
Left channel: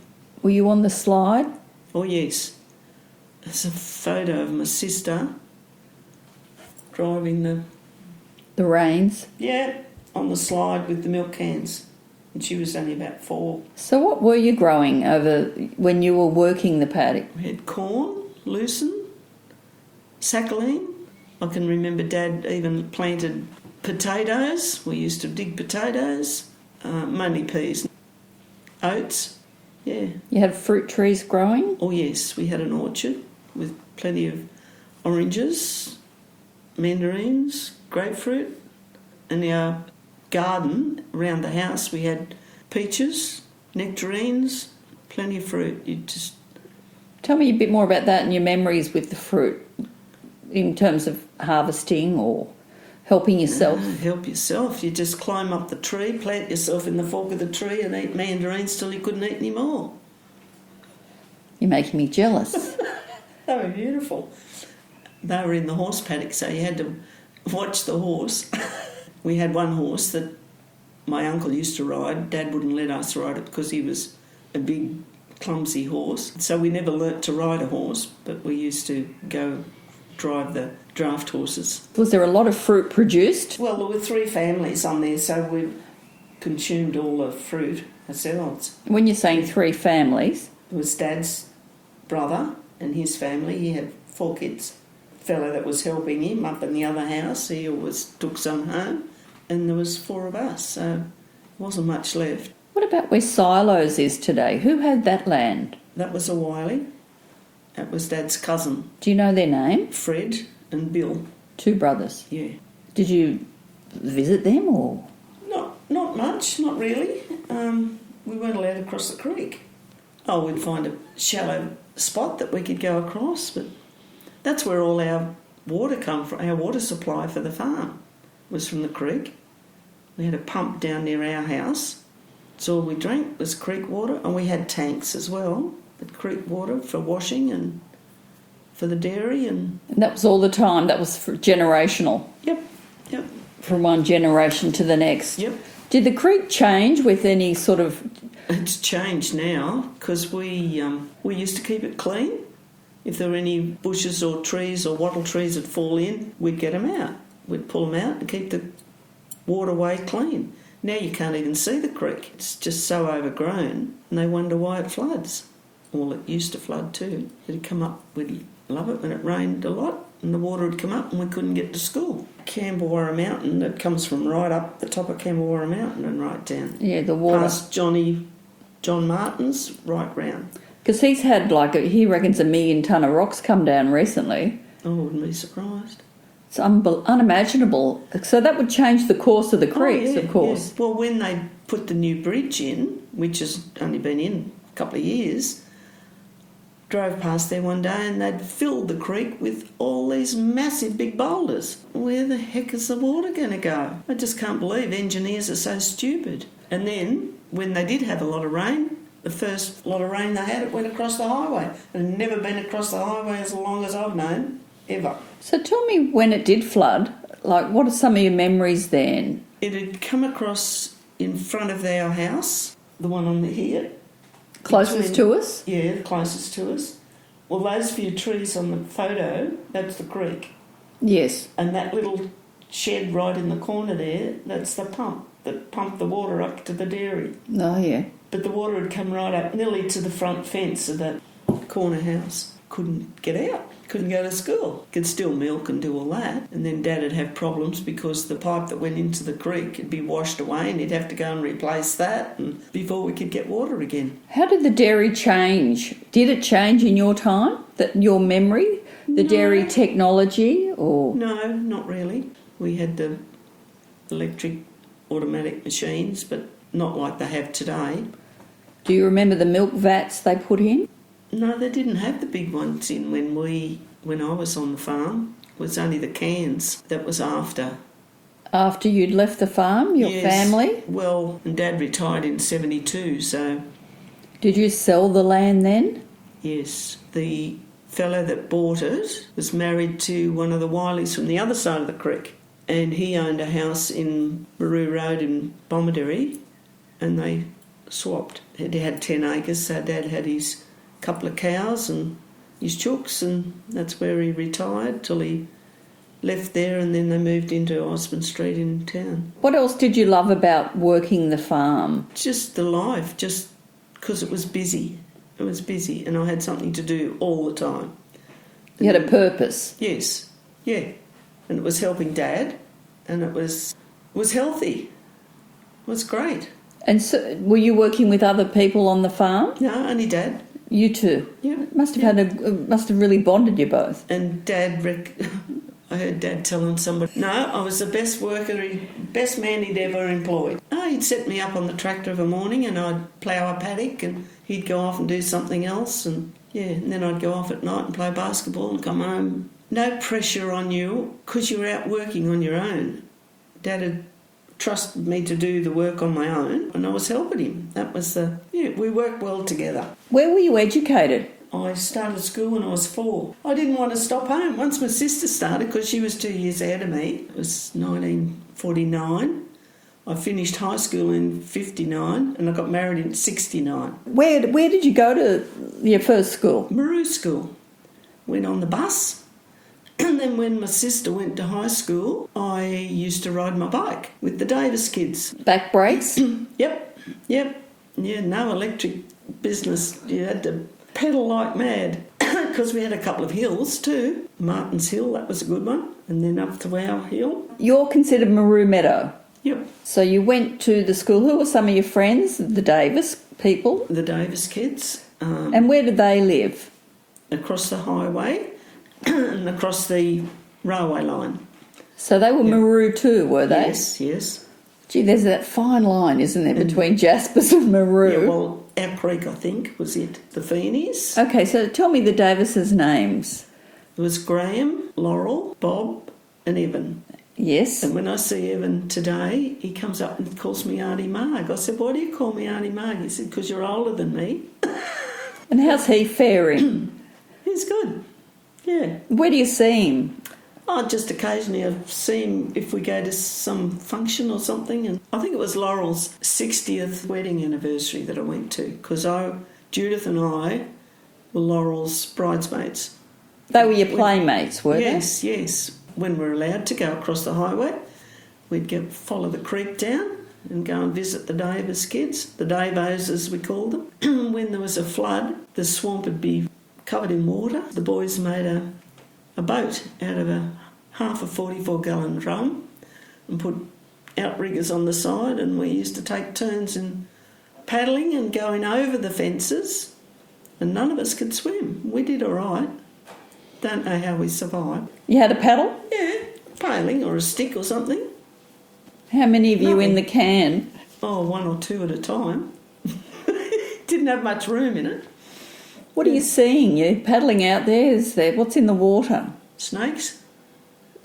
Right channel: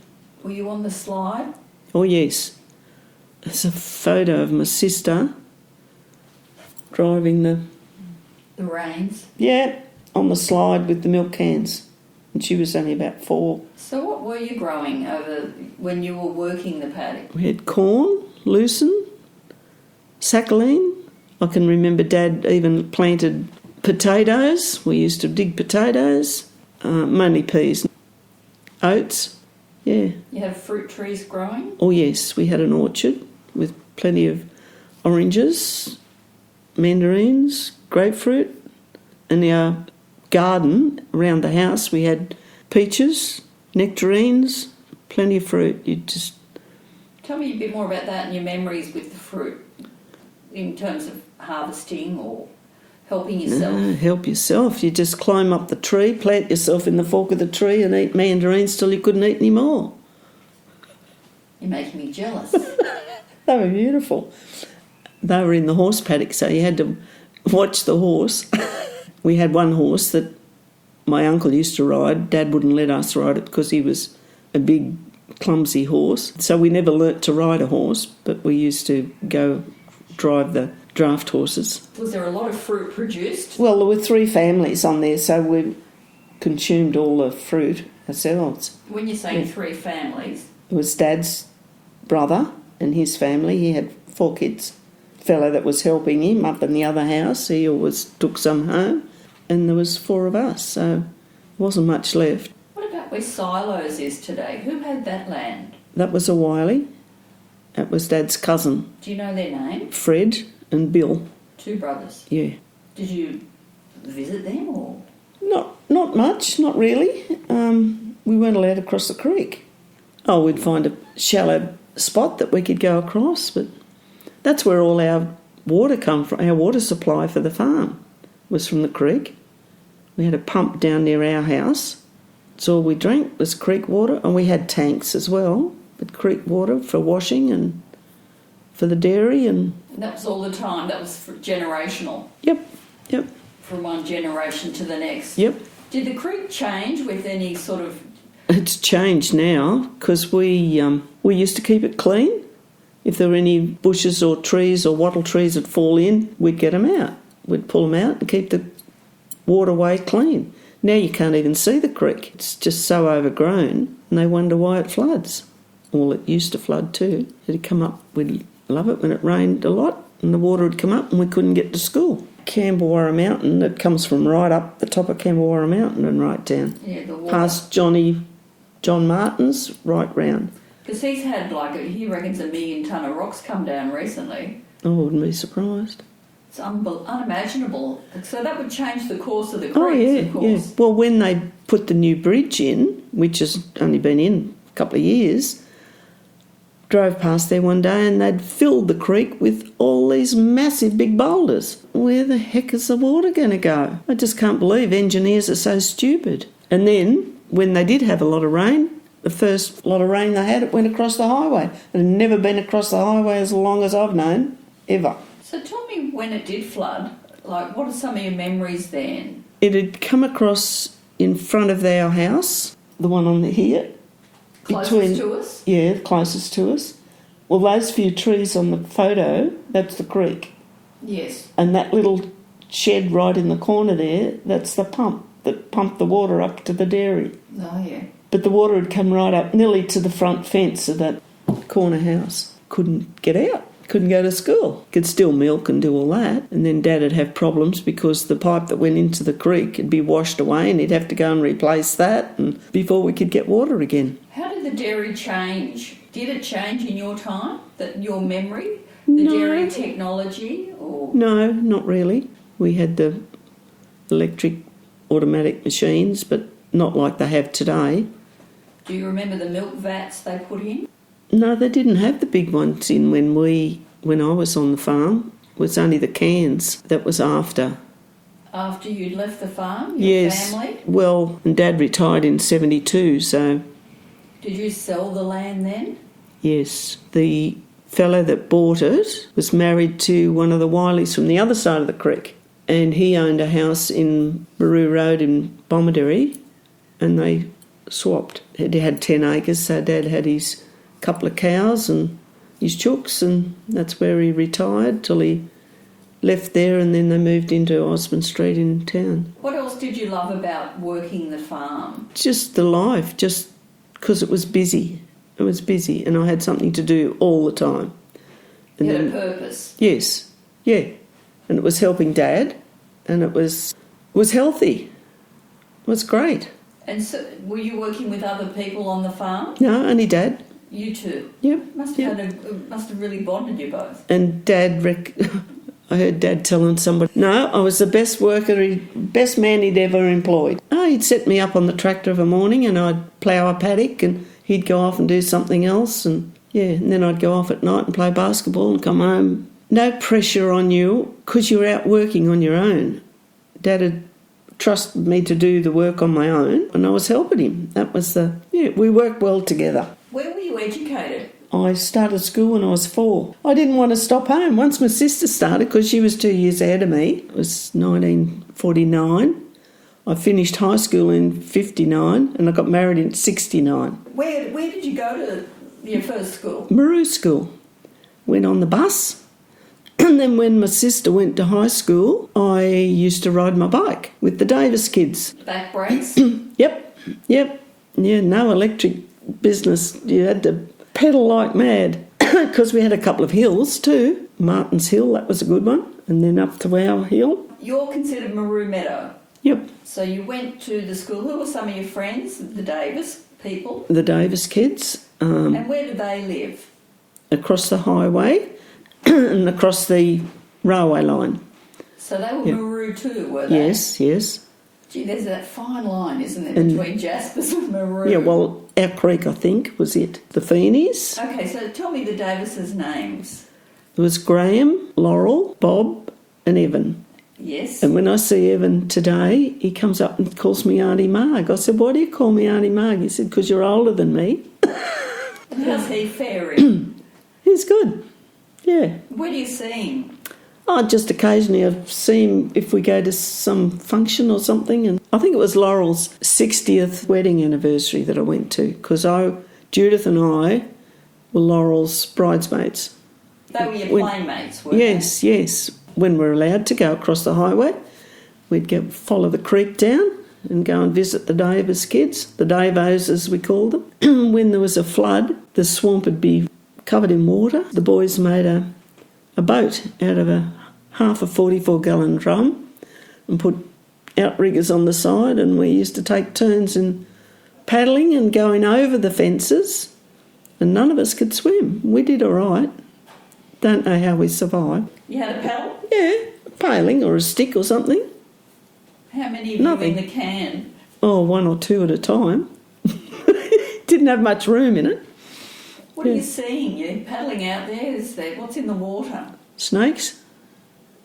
Were you on the slide? Oh, yes. There's a photo of my sister driving the reins? Yeah, on the slide with the milk cans. And she was only about 4. So what were you growing over when you were working the paddock? We had corn, lucerne, sacchaline. I can remember Dad even planted potatoes. We used to dig potatoes, mainly peas, oats, yeah. You had fruit trees growing? Oh, yes, we had an orchard with plenty of oranges, mandarins, grapefruit. In our garden around the house we had peaches, nectarines, plenty of fruit. You just... Tell me a bit more about that and your memories with the fruit in terms of harvesting or helping yourself. No, help yourself. You just climb up the tree, plant yourself in the fork of the tree and eat mandarins till you couldn't eat any more. You're making me jealous. They were beautiful. They were in the horse paddock, so you had to watch the horse. We had one horse that my uncle used to ride. Dad wouldn't let us ride it because he was a big, clumsy horse. So we never learnt to ride a horse, but we used to go drive the draft horses. Was there a lot of fruit produced? Well, there were 3 families on there, so we consumed all the fruit ourselves. When you're saying 3 families? It was Dad's brother and his family. He had 4 kids. Fellow that was helping him up in the other house, he always took some home. and there was 4 of us, so there wasn't much left. What about where Silos is today? Who had that land? That was a Wiley. That was Dad's cousin. Do you know their name? Fred and Bill. 2 brothers. Yeah. Did you visit them or? Not much, not really. We weren't allowed to cross the creek. Oh, we'd find a shallow spot that we could go across, but that's where all our water come from. Our water supply for the farm was from the creek. We had a pump down near our house. It's all we drank was creek water, and we had tanks as well, but creek water for washing and for the dairy. And that was all the time? That was generational? Yep. From one generation to the next? Yep. Did the creek change with any sort of... It's changed now because we used to keep it clean. If there were any bushes or trees or wattle trees that fall in, we'd get them out. We'd pull them out and keep the waterway clean. Now you can't even see the creek. It's just so overgrown, and they wonder why it floods. Well, it used to flood too. It'd come up, we'd love it when it rained a lot, and the water would come up and we couldn't get to school. Camberwarra Mountain, it comes from right up the top of Camberwarra Mountain and right down. Yeah, the water. Past John Martin's, right round. Because he's had he reckons 1 million tonne of rocks come down recently. I wouldn't be surprised. It's unimaginable. So that would change the course of the creeks, of course. Yeah. Well, when they put the new bridge in, which has only been in a couple of years, drove past there one day and they'd filled the creek with all these massive big boulders. Where the heck is the water going to go? I just can't believe engineers are so stupid. And then, when they did have a lot of rain, the first lot of rain they had, it went across the highway. It had never been across the highway as long as I've known, ever. So tell me, when it did flood, what are some of your memories then? It had come across in front of our house, the one on here. Closest to us? Yeah, closest to us. Well, those few trees on the photo, that's the creek. Yes. And that little shed right in the corner there, that's the pump that pumped the water up to the dairy. Oh, yeah. But the water had come right up nearly to the front fence of that corner house. Couldn't get out. Couldn't go to school. Could still milk and do all that. And then Dad would have problems because the pipe that went into the creek would be washed away and he'd have to go and replace that and before we could get water again. How did the dairy change? Did it change in your time? Your memory? The dairy technology? Or No, not really. We had the electric automatic machines, but not like they have today. Do you remember the milk vats they put in? No, they didn't have the big ones in when I was on the farm. It was only the cans that was after. After you'd left the farm, your family? Well, and Dad retired in 72, so... Did you sell the land then? Yes. The fellow that bought it was married to one of the Wileys from the other side of the creek, and he owned a house in Baroo Road in Bomaderry, and they swapped. He had 10 acres, so Dad had his couple of cows and his chooks, and that's where he retired till he left there, and then they moved into Osborne Street in town. What else did you love about working the farm? Just the life, just because it was busy. It was busy and I had something to do all the time. And you had a purpose? Yes, yeah. And it was helping Dad, and it was healthy. It was great. And so were you working with other people on the farm? No, only Dad. You two? Yep. Must have really bonded you both. And Dad, I heard Dad telling somebody, no, I was the best man he'd ever employed. Oh, he'd set me up on the tractor of a morning and I'd plough a paddock and he'd go off and do something else, and then I'd go off at night and play basketball and come home. No pressure on you because you're out working on your own. Dad had trusted me to do the work on my own and I was helping him. That was we worked well together. Where were you educated? I started school when I was 4. I didn't want to stop home. Once my sister started, because she was 2 years ahead of me, it was 1949. I finished high school in 59 and I got married in 69. Where did you go to your first school? Maroo School. Went on the bus. And then when my sister went to high school, I used to ride my bike with the Davis kids. Back brakes? Yep. Yeah, no electric business. You had to pedal like mad because we had a couple of hills too. Martin's Hill, that was a good one, and then up to our hill. You're considered Maroo Meadow? Yep. So you went to the school. Who were some of your friends? The Davis people? The Davis kids. And where did they live? Across the highway and across the railway line. So they were Maru too, were they? Yes, yes. Gee, there's that fine line, isn't there, between Jaspers and Maru? Yeah, well, our creek, I think, was it. The Feenies. Okay, so tell me the Davises' names. It was Graham, Laurel, Bob and Evan. Yes. And when I see Evan today, he comes up and calls me Auntie Marg. I said, why do you call me Auntie Marg? He said, because you're older than me. And how's he faring? He's good, yeah. Where do you see him? Oh, just occasionally I see him if we go to some function or something. And I think it was Laurel's 60th wedding anniversary that I went to, because Judith and I were Laurel's bridesmaids. They were your playmates, weren't Yes, yes. When we're allowed to go across the highway, we'd follow the creek down and go and visit the Davis kids, the Davos as we called them. When there was a flood, the swamp would be covered in water. The boys made a boat out of half a 44-gallon drum and put outriggers on the side, and we used to take turns in paddling and going over the fences, and none of us could swim. We did all right. Don't know how we survived. You had a paddle? Yeah, a paling or a stick or something. How many of you in the can? Oh, one or two at a time. Didn't have much room in it. What are you seeing? You're paddling out there, is there? What's in the water? Snakes,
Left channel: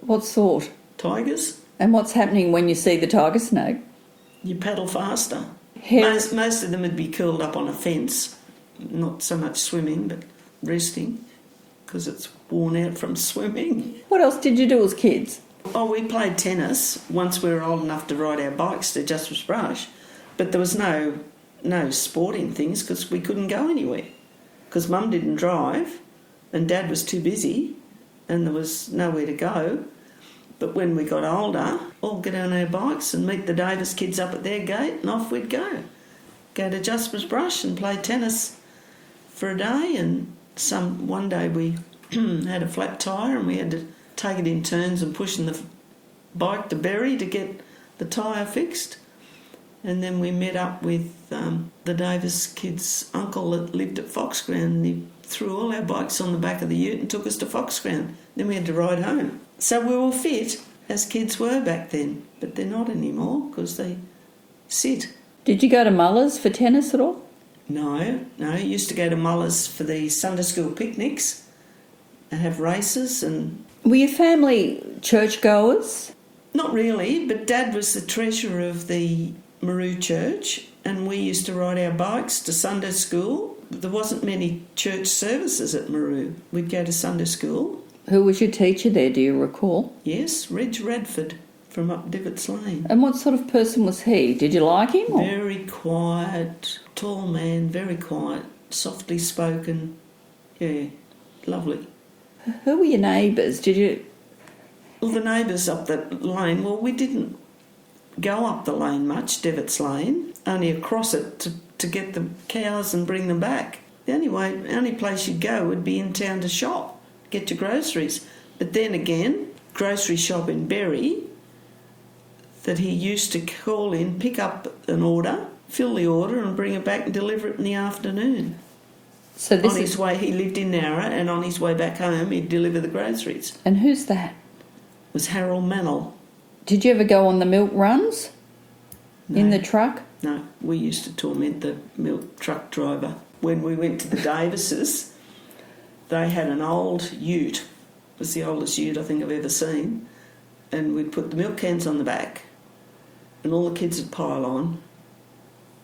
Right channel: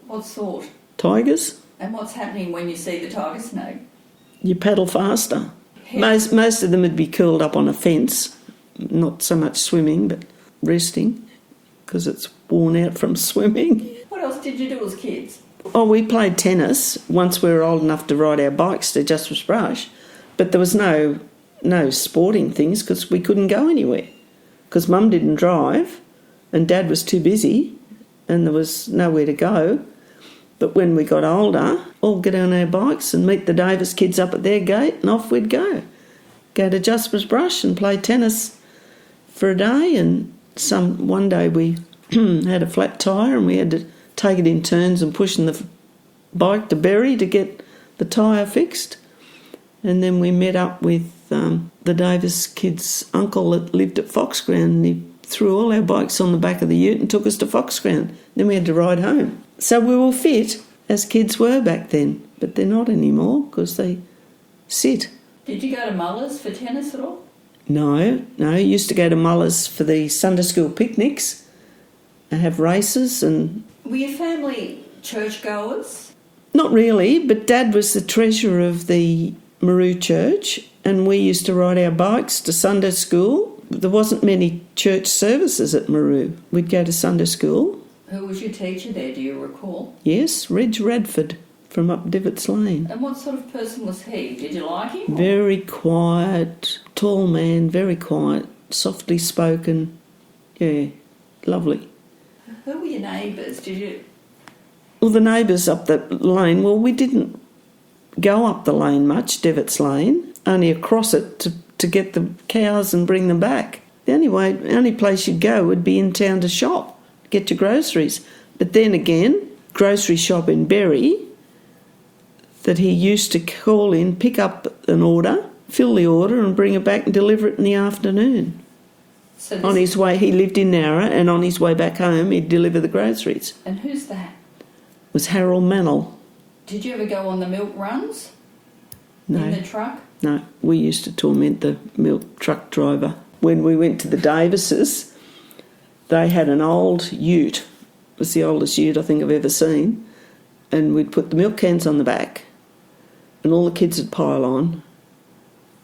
What sort? tigers. And what's happening when you see the tiger snake? You paddle faster. Most of them would be curled up on a fence, not so much swimming, but resting, because it's worn out from swimming. What else did you do as kids? Oh, we played tennis once we were old enough to ride our bikes to Justice Brush, but there was no sporting things because we couldn't go anywhere, because Mum didn't drive and Dad was too busy and there was nowhere to go. But when we got older, all get on our bikes and meet the Davis kids up at their gate, and off we'd go. Go to Jasper's Brush and play tennis for a day, and one day we had a flat tyre and we had to take it in turns and pushing the bike to Berry to get the tyre fixed. And then we met up with the Davis kids' uncle that lived at Foxground, and he threw all our bikes on the back of the ute and took us to Foxground. Then we had to ride home. So we were fit, as kids were back then, but they're not anymore because they sit. Did you go to Muller's for tennis at all? No. Used to go to Muller's for the Sunday school picnics and have races. And Were your family churchgoers? not really, but Dad was the treasurer of the Maru Church, and we used to ride our bikes to Sunday school. There wasn't many church services at Maru. We'd go to Sunday school. Who was your teacher there, do you recall? Yes, Reg Radford from up Divots Lane. And what sort of person was he? Did you like him? Or? Very quiet, tall man, very quiet, softly spoken. Yeah, lovely. Who were your neighbours? Did you... Well, the neighbours up that lane, well, we didn't go up the lane much, Divots Lane, only across it to get the cows and bring them back. The only place you'd go would be in town to shop, get your groceries. But then again, grocery shop in Berry that he used to call in, pick up an order, fill the order and bring it back and deliver it in the afternoon. So on his way, he lived in Nowra, and on his way back home he'd deliver the groceries. And who's that? It was Harold Mannell. Did you ever go on the milk runs? No. In the truck? No, we used to torment the milk truck driver. When we went to the Davises, they had an old ute. It was the oldest ute I think I've ever seen. And we'd put the milk cans on the back, and all the kids would pile on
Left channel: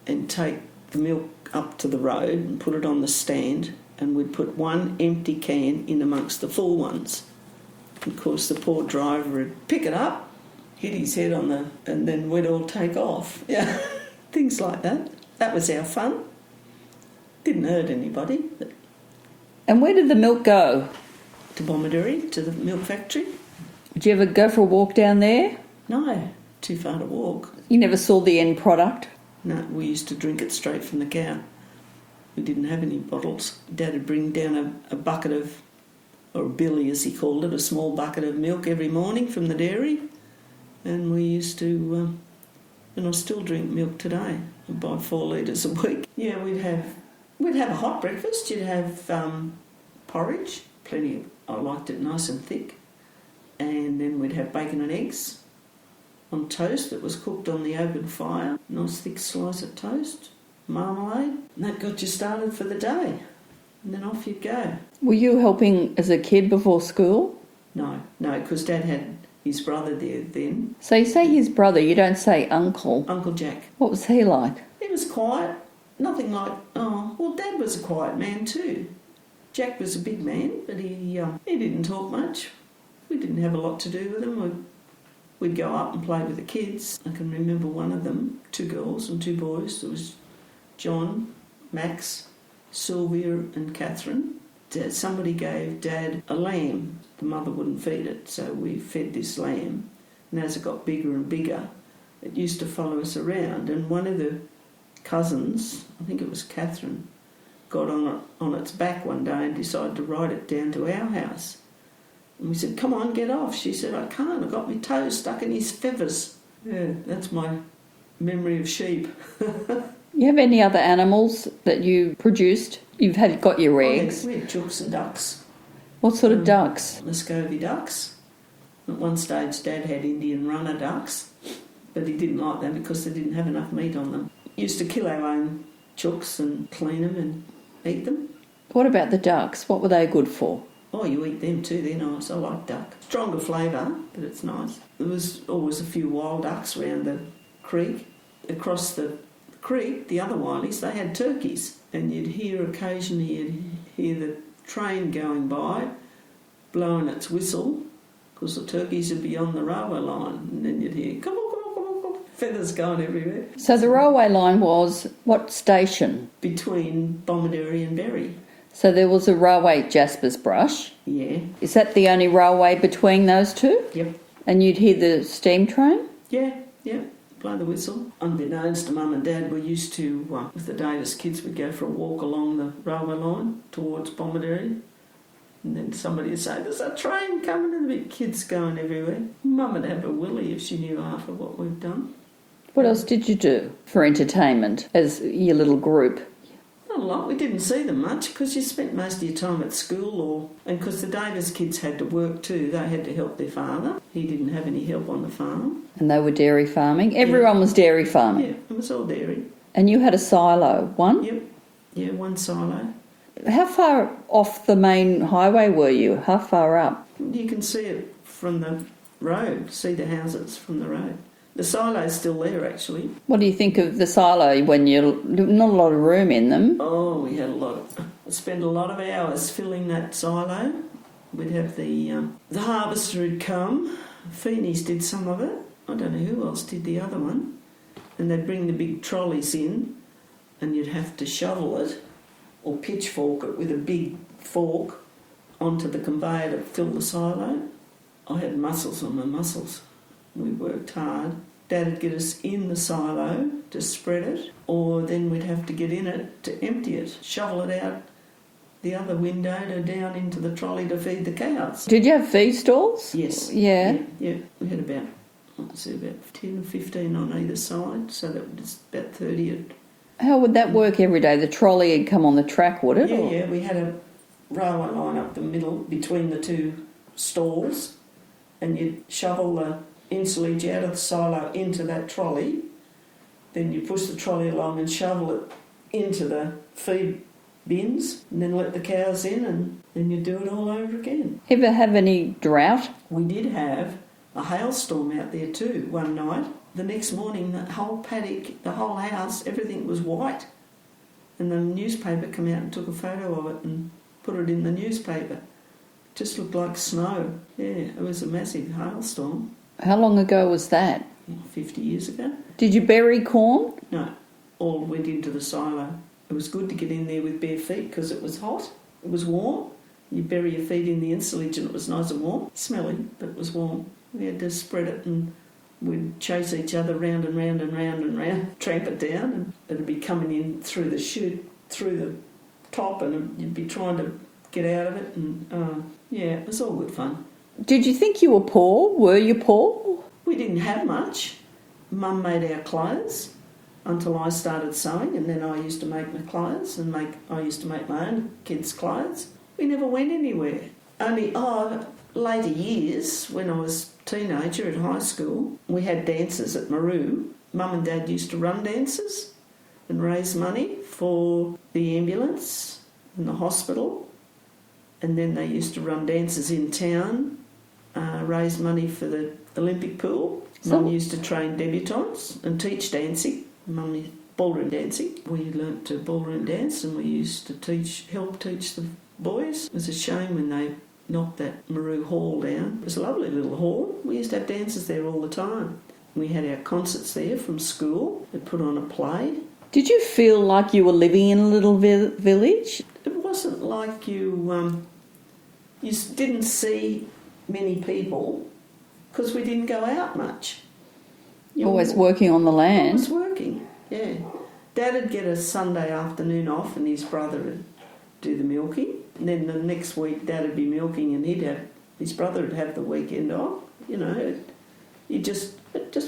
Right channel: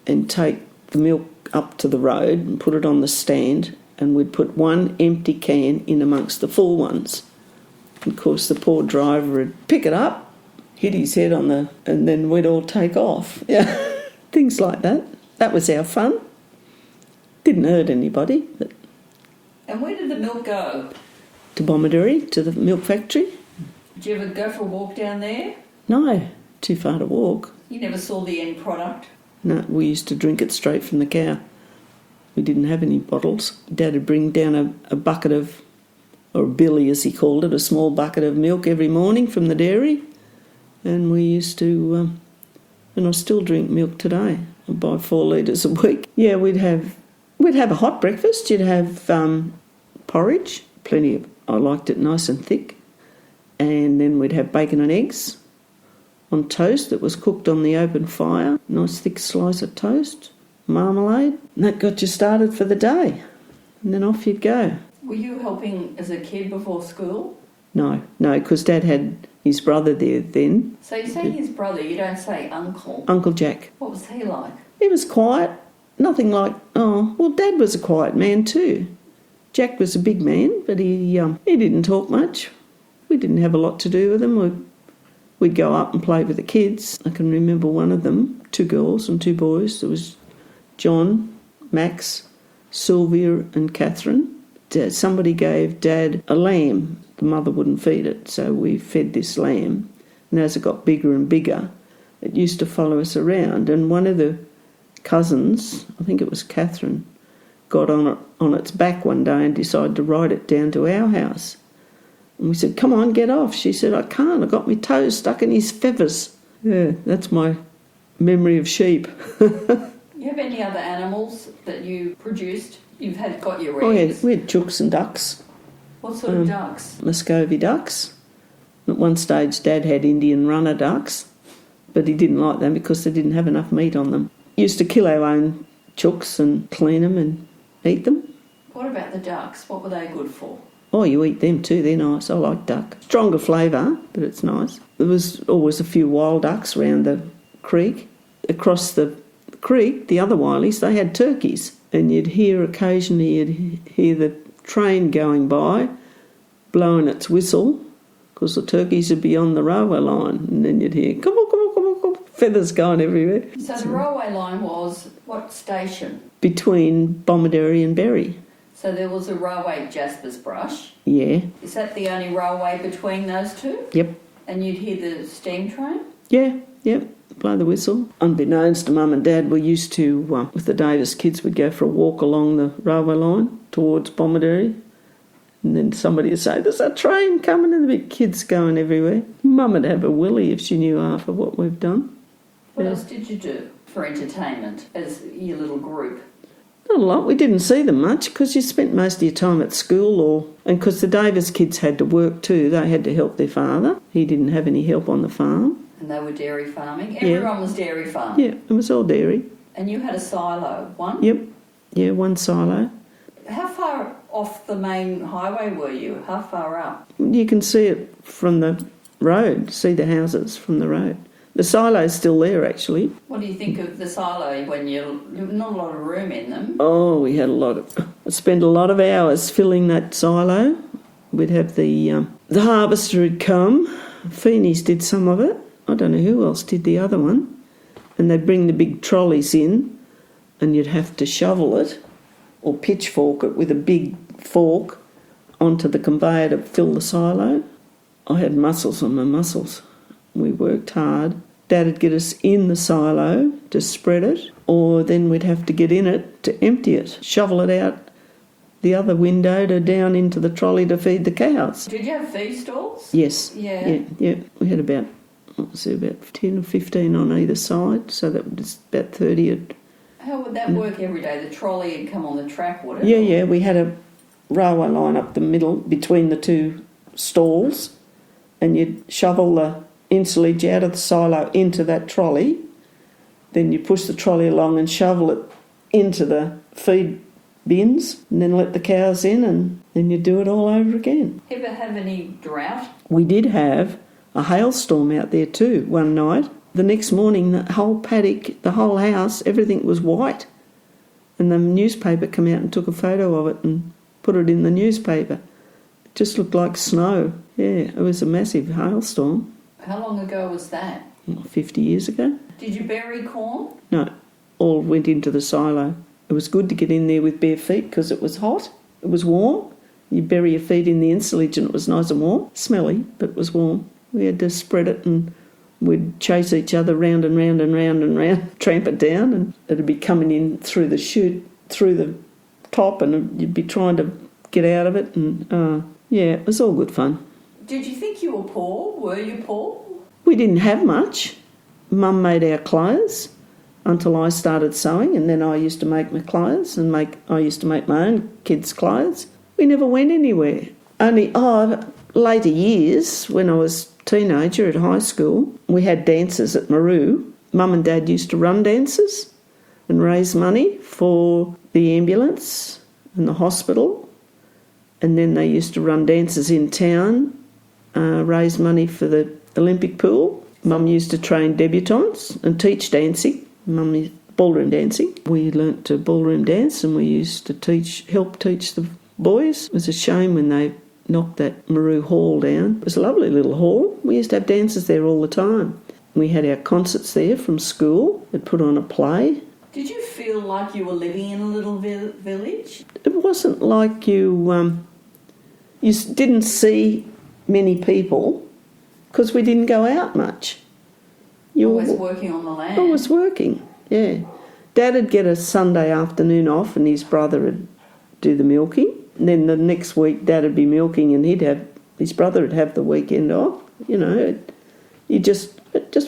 and take the milk up to the road and put it on the stand, and we'd put one empty can in amongst the full ones. Of course, the poor driver would pick it up, hit his head on and then we'd all take off. Yeah, things like that. That was our fun. Didn't hurt anybody. But And where did the milk go? to Bomaderry, to the milk factory. Did you ever go for a walk down there? No, too far to walk. You never saw the end product? No, we used to drink it straight from the cow. We didn't have any bottles. Dad would bring down a bucket of, or a billy as he called it, a small bucket of milk every morning from the dairy, and we used to and I still drink milk today. I buy 4 litres a week. Yeah, we'd have a hot breakfast. You'd have porridge, plenty of. I liked it nice and thick, and then we'd have bacon and eggs on toast that was cooked on the open fire. Nice thick slice of toast, marmalade, and that got you started for the day. And then off you'd go. Were you helping as a kid before school? No, because Dad had his brother there then. So you say his brother, you don't say uncle. Uncle Jack. What was he like? He was quiet, nothing like, Dad was a quiet man too. Jack was a big man, but he didn't talk much. We didn't have a lot to do with him. We'd go up and play with the kids. I can remember one of them, 2 girls and 2 boys. There was John, Max, Sylvia and Catherine. Somebody gave Dad a lamb. The mother wouldn't feed it, so we fed this lamb. And as it got bigger and bigger, it used to follow us around. And one of the cousins, I think it was Catherine, got on its back one day and decided to ride it down to our house. And we said, "Come on, get off." She said, "I can't, I've got my toes stuck in his feathers." Yeah, that's my memory of sheep. You have any other animals that you produced? You've got your eggs. Oh, yeah, we had chooks and ducks. What sort of ducks? Muscovy ducks. At one stage, Dad had Indian runner ducks, but he didn't like them because they didn't have enough meat on them. Used to kill our own chooks and clean them and eat them. What about the ducks? What were they good for? Oh, you eat them too, they're nice. I like duck. Stronger flavour, but it's nice. There was always a few wild ducks around the creek. Across the creek, the other Wileys, they had turkeys. And occasionally you'd hear the train going by, blowing its whistle, because the turkeys would be on the railway line. And then you'd hear, come on, feathers going everywhere. So the railway line was what station? Between Bomaderry and Berry. So there was a railway at Jasper's Brush. Yeah. Is that the only railway between those two? Yep. And you'd hear the steam train? Yeah. Blow the whistle. Unbeknownst to Mum and Dad, we used to, with the Davis kids, we'd go for a walk along the railway line towards Bomaderry. And then somebody would say, "There's a train coming," and the big kids going everywhere. Mum would have a willy if she knew half of what we've done. What else did you do for entertainment as your little group? Not a lot. We didn't see them much because you spent most of your time at school and because the Davis kids had to work too. They had to help their father. He didn't have any help on the farm. And they were dairy farming? Everyone was dairy farming? Yeah, it was all dairy. And you had a silo, one? Yep. Yeah, one silo. How far off the main highway were you? How far up? You can see it from the road, see the houses from the road. The silo's still there, actually. What do you think of the silo when you're not a lot of room in them? Oh, we had I spent a lot of hours filling that silo. We'd have the harvester would come. Feeney's did some of it. I don't know who else did the other one. And they'd bring the big trolleys in and you'd have to shovel it or pitchfork it with a big fork onto the conveyor to fill the silo. I had muscles on my muscles. We worked hard. Dad would get us in the silo to spread it, or then we'd have to get in it to empty it, shovel it out the other window to down into the trolley to feed the cows. Did you have feed stalls? Yes. Yeah. We had about 10 or 15 on either side, so that was about 30. How would that work every day? The trolley would come on the track, would it? Yeah. We had a railway line up the middle between the 2 stalls, and you'd shovel the insulage out of the silo into that trolley. Then you push the trolley along and shovel it into the feed bins and then let the cows in, and then you do it all over again. Ever have any drought? We did have a hailstorm out there too one night. The next morning the whole paddock, the whole house, everything was white, and the newspaper came out and took a photo of it and put it in the newspaper. It just looked like snow. Yeah, it was a massive hailstorm. How long ago was that? 50 years ago. Did you bury corn? No, all went into the silo. It was good to get in there with bare feet because it was hot. It was warm. You bury your feet in the insulage and it was nice and warm. Smelly, but it was warm. We had to spread it and we'd chase each other round and round and round and round, tramp it down, and it'd be coming in through the chute, through the top, and you'd be trying to get out of it. And it was all good fun. Did you think you were poor? Were you poor? We didn't have much. Mum made our clothes until I started sewing, and then I used to make my clothes I used to make my own kids' clothes. We never went anywhere. Only, later years, when I was a teenager at high school, we had dances at Maru. Mum and Dad used to run dances and raise money for the ambulance and the hospital. And then they used to run dances in town, raise money for the Olympic pool. Mum used to train debutantes and teach dancing. Mum ballroom dancing. We learnt to ballroom dance, and we used to help teach the boys. It was a shame when they knocked that Maru Hall down. It was a lovely little hall. We used to have dances there all the time. We had our concerts there from school. They'd put on a play. Did you feel like you were living in a little village? It wasn't like you didn't see many people because we didn't go out much. You always working on the land. Always working, yeah. Dad would get a Sunday afternoon off and his brother would do the milking. And then the next week Dad would be milking and his brother would have the weekend off. You know, it just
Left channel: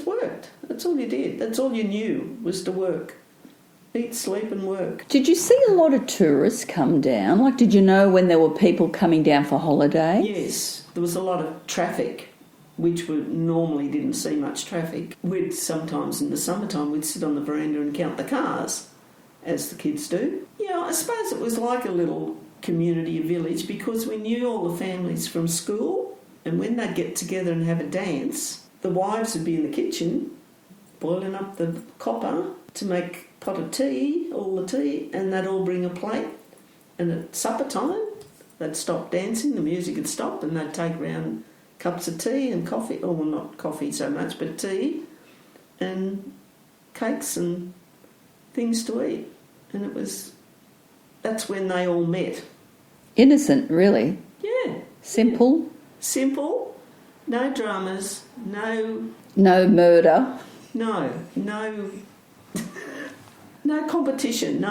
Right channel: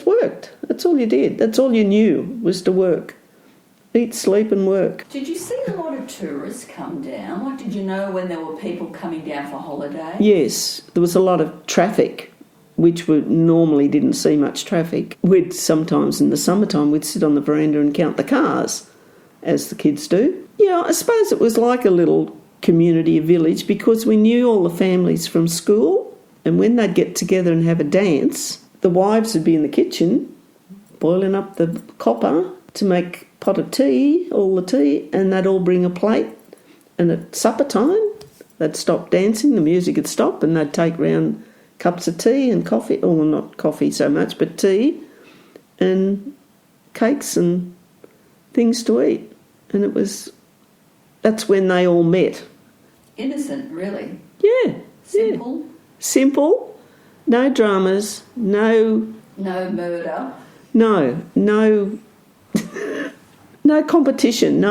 worked. That's all you did. That's all you knew was to work. Eat, sleep and work. Did you see a lot of tourists come down? Like, did you know when there were people coming down for holidays? Yes, there was a lot of traffic, which we normally didn't see much traffic. Sometimes in the summertime we'd sit on the veranda and count the cars, as the kids do. Yeah, I suppose it was like a little community, a village, because we knew all the families from school, and when they'd get together and have a dance, the wives would be in the kitchen boiling up the copper to make a pot of tea, all the tea, and they'd all bring a plate, and at supper time they'd stop dancing, the music would stop, and they'd take round cups of tea and coffee, or well, not coffee so much, but tea and cakes and things to eat. And that's when they all met. Innocent, really. Yeah. Simple. Yeah. Simple, no dramas, no murder. No competition,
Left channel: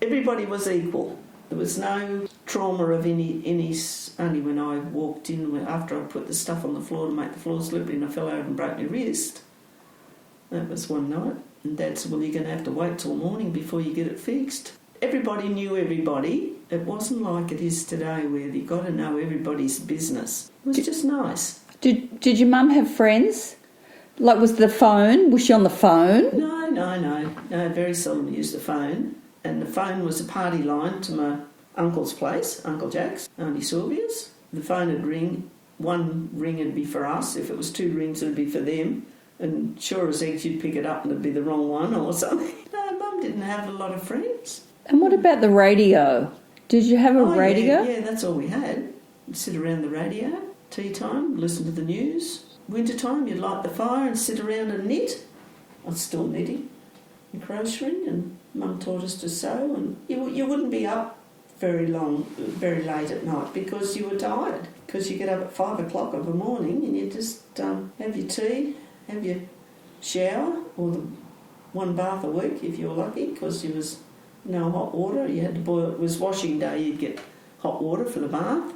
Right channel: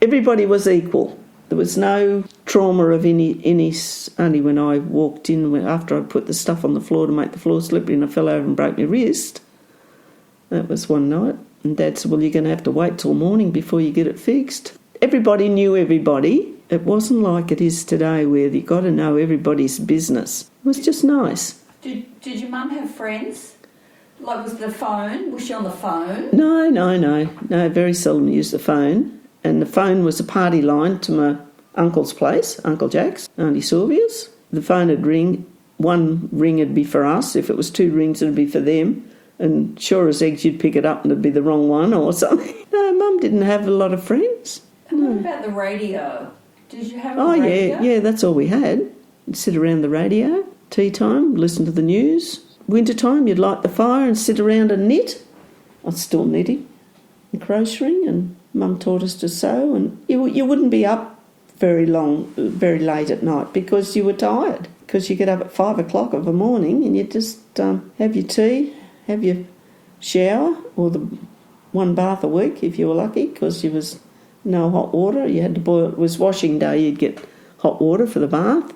everybody was equal. There was no trauma of any only when I walked in, after I put the stuff on the floor to make the floor slippery and I fell over and broke my wrist. That was one night. And Dad said, well, you're going to have to wait till morning before you get it fixed. Everybody knew everybody. It wasn't like it is today where you've got to know everybody's business. It was just nice. Did your mum have friends? Like, was she on the phone? No, very seldom used the phone. And the phone was a party line to my uncle's place, Uncle Jack's, Auntie Sylvia's. The phone would ring. One ring would be for us. If it was two rings, it would be for them. And sure as eggs, you'd pick it up and it'd be the wrong one or something. No, Mum didn't have a lot of friends. And what about the radio? Did you have a radio? Yeah, that's all we had. You'd sit around the radio, tea time, listen to the news. Winter time, you'd light the fire and sit around and knit. I was still knitting and crocheting, and Mum taught us to sew. And you wouldn't be up very late at night because you were tired. Because you get up at 5 o'clock of the morning and you just have your tea, have your shower, or the one bath a week if you were lucky, because there was no hot water. You had to boil. It was washing day. You'd get hot water for the bath.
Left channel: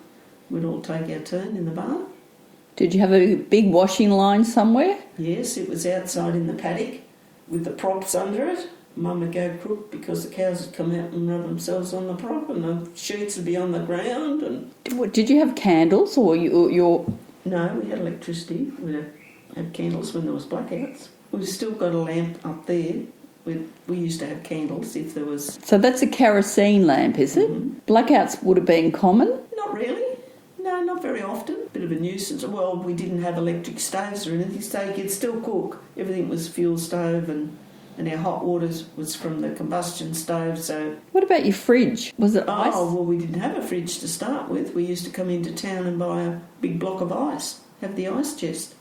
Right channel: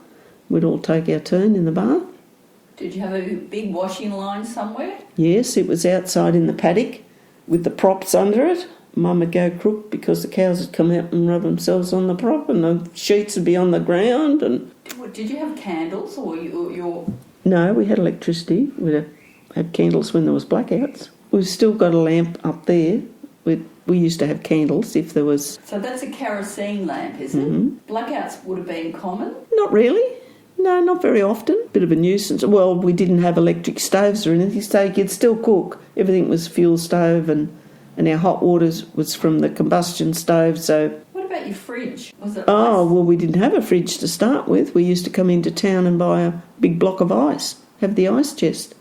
We'd all take our turn in the bath. Did you have a big washing line somewhere? Yes, it was outside in the paddock with the props under it. Mum would go crook because the cows would come out and rub themselves on the prop and the sheets would be on the ground. And did you have candles or your? No, we had electricity. We'd have candles when there was blackouts. We've still got a lamp up there. We used to have candles if there was... So that's a kerosene lamp, is it? Mm-hmm. Blackouts would have been common? Not really. No, not very often. Bit of a nuisance. Well, we didn't have electric stoves or anything, so you could still cook. Everything was fuel stove and our hot water was from the combustion stove, so... What about your fridge? Was it ice? Oh, well, we didn't have a fridge to start with. We used to come into town and buy a big block of ice, have the ice chest.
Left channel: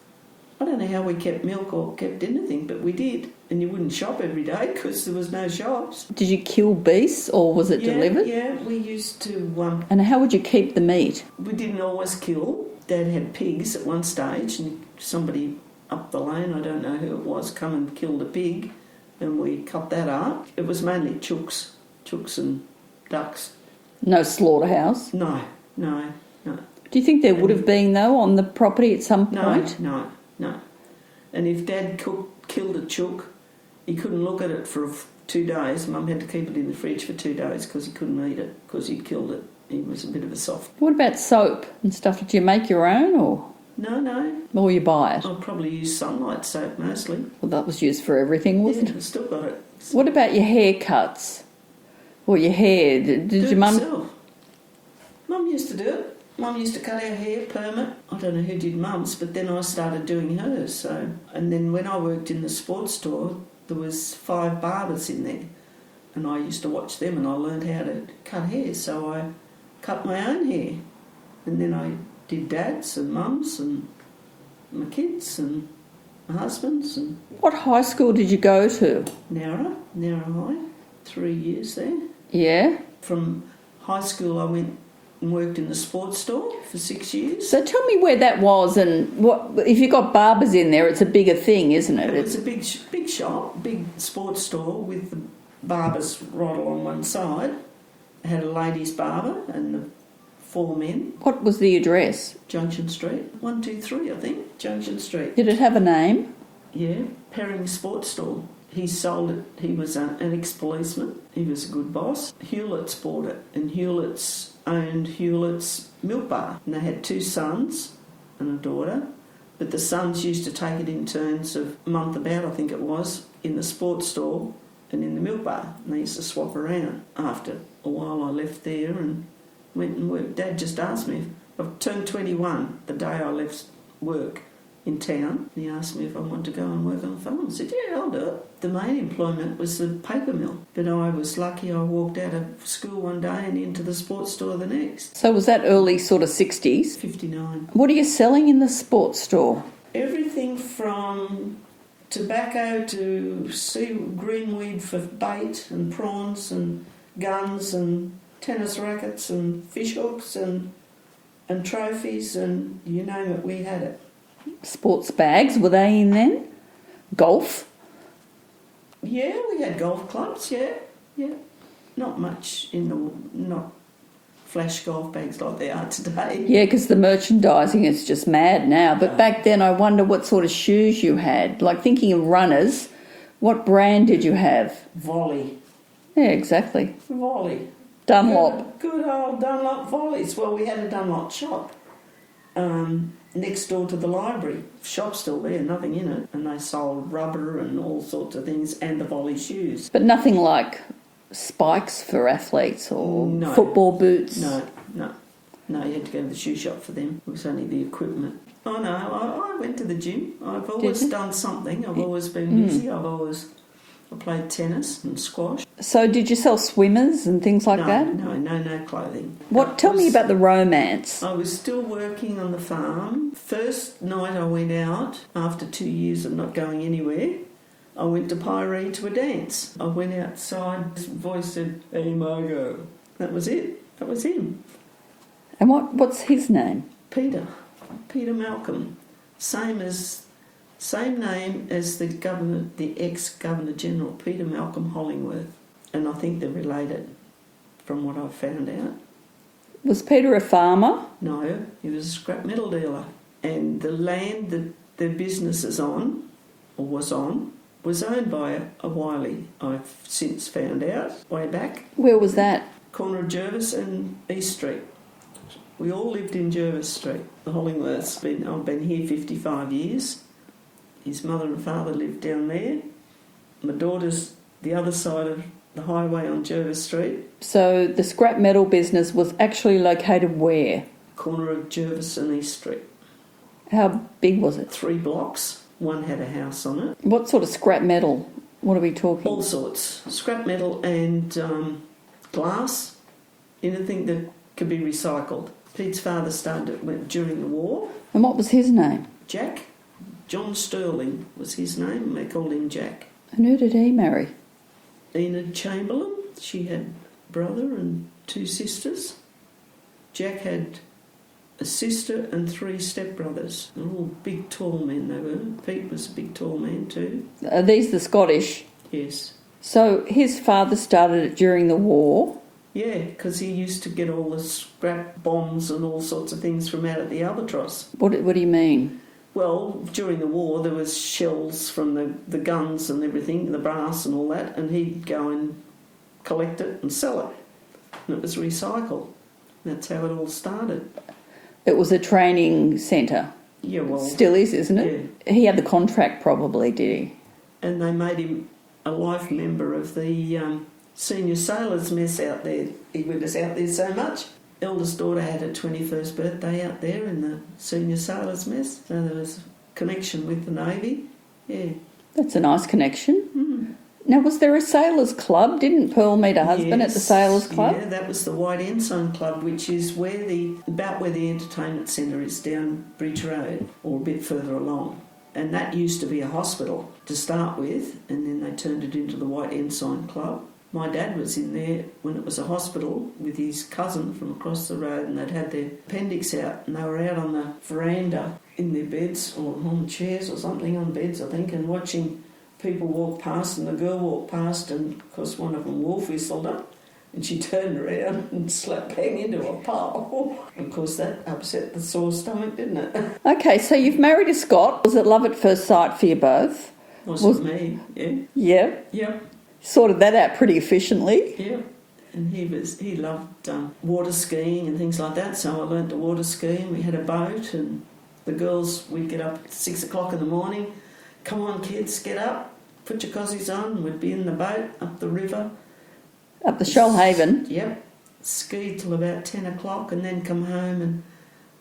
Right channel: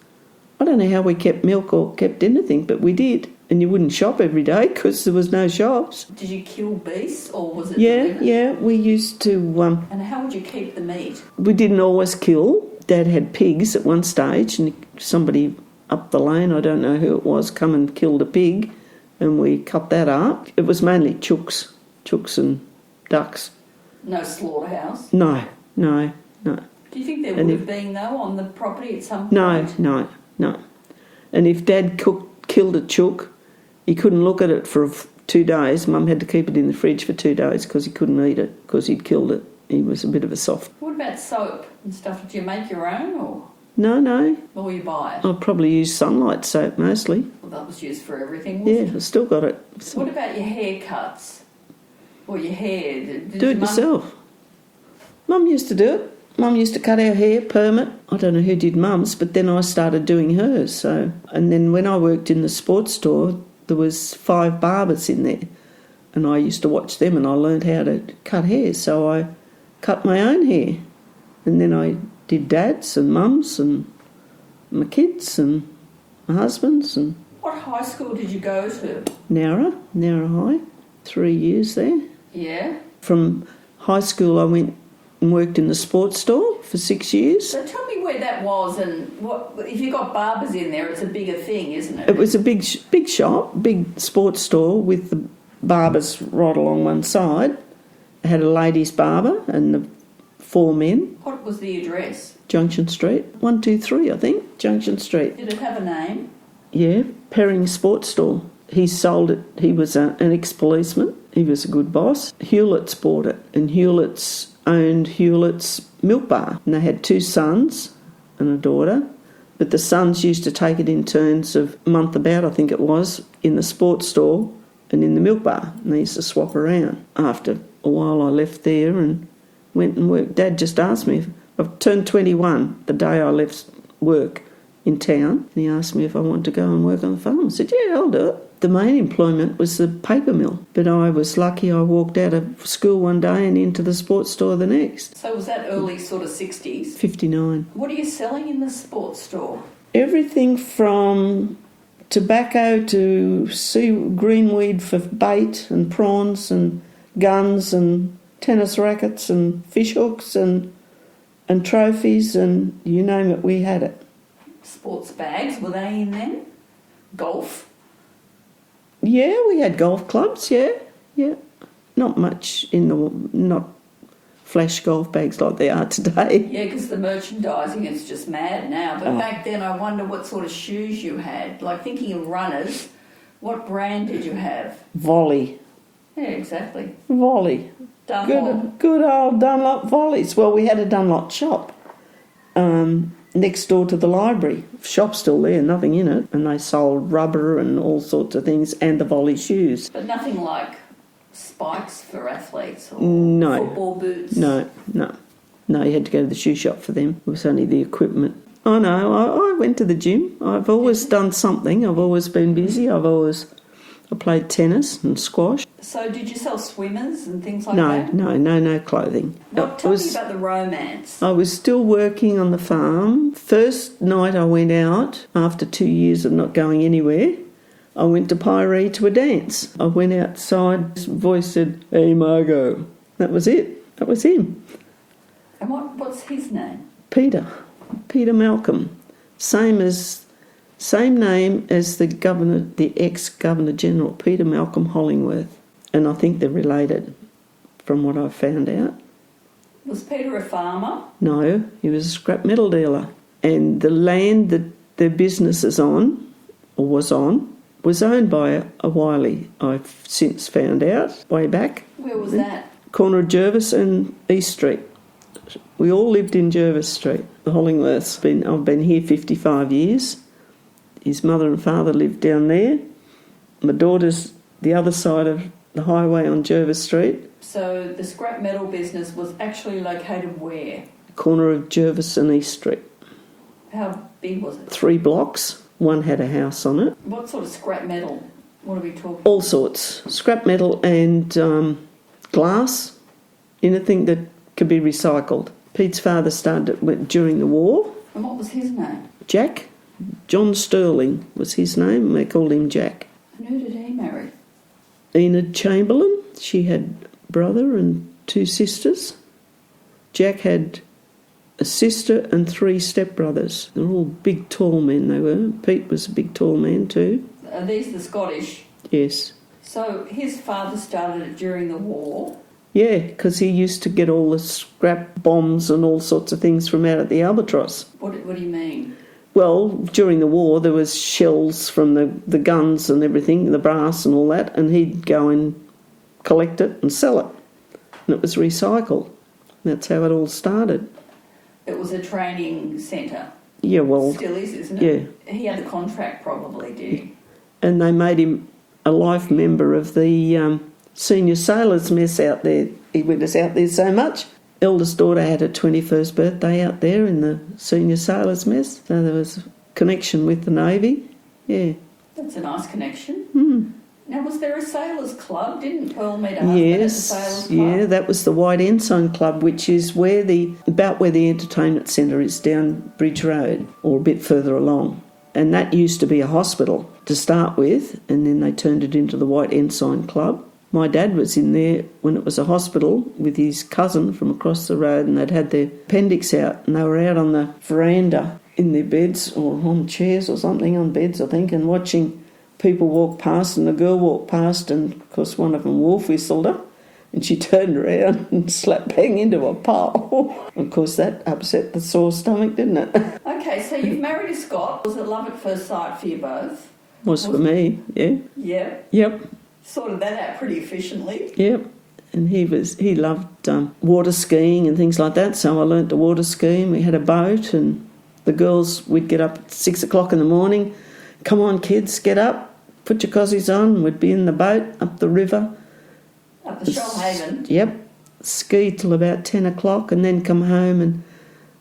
I don't know how we kept milk or kept anything, but we did. And you wouldn't shop every day because there was no shops. Did you kill beasts or was it delivered? Yeah, we used to... And how would you keep the meat? We didn't always kill. Dad had pigs at one stage and somebody up the lane, I don't know who it was, come and killed a pig and we cut that up. It was mainly chooks and ducks. No slaughterhouse? No. Do you think there would have been, though, on the property at some point? No. And if Dad killed a chook, he couldn't look at it for 2 days. Mum had to keep it in the fridge for 2 days because he couldn't eat it because he'd killed it. He was a bit of a soft. What about soap and stuff? Do you make your own or? No. Or you buy it? I'll probably use Sunlight soap mostly. Well, that was used for everything, wasn't it? Yeah, I've still got it. What about your haircuts? Or your hair? Did Do your it mum... yourself. Mum used to do it. Mum used to cut our hair, perm it. I don't know who did Mum's, but then I started doing hers. So, and then when I worked in the sports store, there was 5 barbers in there, and I used to watch them, and I learned how to cut hair. So I cut my own hair, and then I did Dad's and Mum's and my kids and my husband's. And What high school did you go to? Nowra High, 3 years there. Yeah. From high school, I went and worked in the sports store for 6 years. So tell me where that was, and what if you got barbers in there, it's a bigger thing, isn't it? It was a big shop, big sports store with the barbers right along one side. It had a ladies' barber and the 4 men. What was the address? Junction Street, 123, I think, Junction Street. Did it have a name? Yeah, Perring Sports Store. He sold it. He was an ex-policeman. He was a good boss. Hewlett's bought it, and Hewlett's owned Hewlett's Milk Bar, and they had 2 sons and a daughter, but the sons used to take it in turns of a month about, I think it was, in the sports store and in the milk bar, and they used to swap around. After a while I left there and went and worked. Dad just asked me, I've turned 21 the day I left work in town, and he asked me if I wanted to go and work on the farm. I said, yeah, I'll do it. The main employment was the paper mill, but I was lucky I walked out of school one day and into the sports store the next. So was that early sort of 60s? 59. What are you selling in the sports store? Everything from tobacco to greenweed for bait and prawns and guns and tennis rackets and fish hooks and trophies and you name it, we had it. Sports bags, were they in then? Golf? Yeah, we had golf clubs, yeah. Not much not flash golf bags like they are today. Yeah, because the merchandising is just mad now. But back then I wonder what sort of shoes you had. Like thinking of runners, what brand did you have? Volley. Yeah, exactly. Volley. Dunlop. Good old Dunlop Volleys. Well, we had a Dunlop shop next door to the library. Shop's still there, nothing in it. And they sold rubber and all sorts of things and the Volley shoes. But nothing like spikes for athletes or football boots? No, you had to go to the shoe shop for them. It was only the equipment. Oh, no, I went to the gym. I've always done something. I've always been busy. I played tennis and squash. So did you sell swimmers and things like that? No clothing. Tell me about the romance. I was still working on the farm. First night I went out, after 2 years of not going anywhere, I went to Piree to a dance. I went outside, his voice said, "Hey Margot." That was it. That was him. And what's his name? Peter Malcolm. Same name as the governor, the ex-Governor General, Peter Malcolm Hollingworth. And I think they're related, from what I've found out. Was Peter a farmer? No, he was a scrap metal dealer. And the land that their business is on, or was on, was owned by a Wiley, I've since found out, way back. Where was that? Corner of Jervis and East Street. We all lived in Jervis Street. The Hollingworths. I've been here 55 years. His mother and father lived down there. My daughter's the other side of the highway on Jervis Street. So the scrap metal business was actually located where? Corner of Jervis and East Street. How big was it? 3 blocks. One had a house on it. What sort of scrap metal? What are we talking? All sorts. Scrap metal and glass. Anything that could be recycled. Pete's father started during the war. And what was his name? Jack. John Sterling was his name, and they called him Jack. And who did he marry? Enid Chamberlain. She had a brother and 2 sisters. Jack had a sister and 3 stepbrothers. They're all big, tall men, they were. Pete was a big, tall man too. Are these the Scottish? Yes. So his father started it during the war? Yeah, because he used to get all the scrap bombs and all sorts of things from out at the Albatross. What do you mean? Well, during the war there was shells from the guns and everything, the brass and all that, and he'd go and collect it and sell it. And it was recycled. That's how it all started. It was a training centre. Yeah, well... Still is, isn't it? Yeah. He had the contract probably, did he? And they made him a life member of the senior sailors' mess out there. He went us out there so much. Eldest daughter had her 21st birthday out there in the senior sailors' mess. So there was a connection with the Navy. Yeah. That's a nice connection. Mm. Now, was there a sailors' club? Didn't Pearl meet a husband at the sailors' club? Yeah, that was the White Ensign Club, which is about where the entertainment centre is, down Bridge Road, or a bit further along. And that used to be a hospital to start with, and then they turned it into the White Ensign Club. My dad was in there when it was a hospital with his cousin from across the road, and they'd had their appendix out, and they were out on the veranda in their beds, or on chairs or something, on beds I think, and watching people walk past, and the girl walked past, and of course one of them wolf whistled her, and she turned around and slapped bang into a pole. Of course that upset the sore stomach, didn't it? Okay, so you've married a Scot. Was it love at first sight for you both? Was for me, yeah. Yeah? Yep. Sorted that out pretty efficiently. Yep. And he loved water skiing and things like that, so I learnt to water ski, and we had a boat, and the girls, we'd get up at 6 o'clock in the morning. Come on, kids, get up, put your cozies on. We'd be in the boat up the river. Up the Shoalhaven? Yep. Ski till about 10 o'clock and then come home, and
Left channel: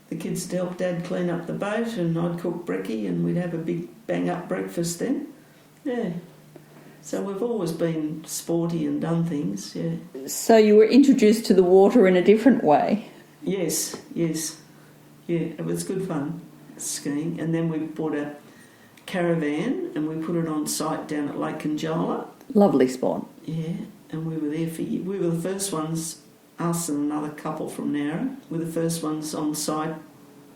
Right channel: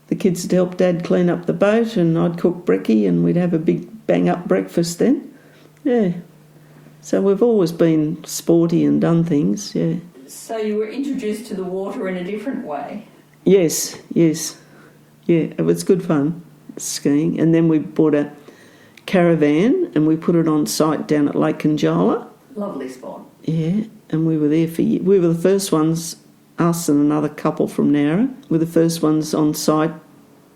the kids would help Dad clean up the boat, and I'd cook brekkie, and we'd have a big bang-up breakfast then. Yeah. So we've always been sporty and done things, yeah. So you were introduced to the water in a different way? Yes. Yeah, it was good fun, skiing. And then we bought a caravan and we put it on site down at Lake Conjola. Lovely spot. Yeah, and we were there for years. We were the first ones, us and another couple from Nowra, were the first ones on site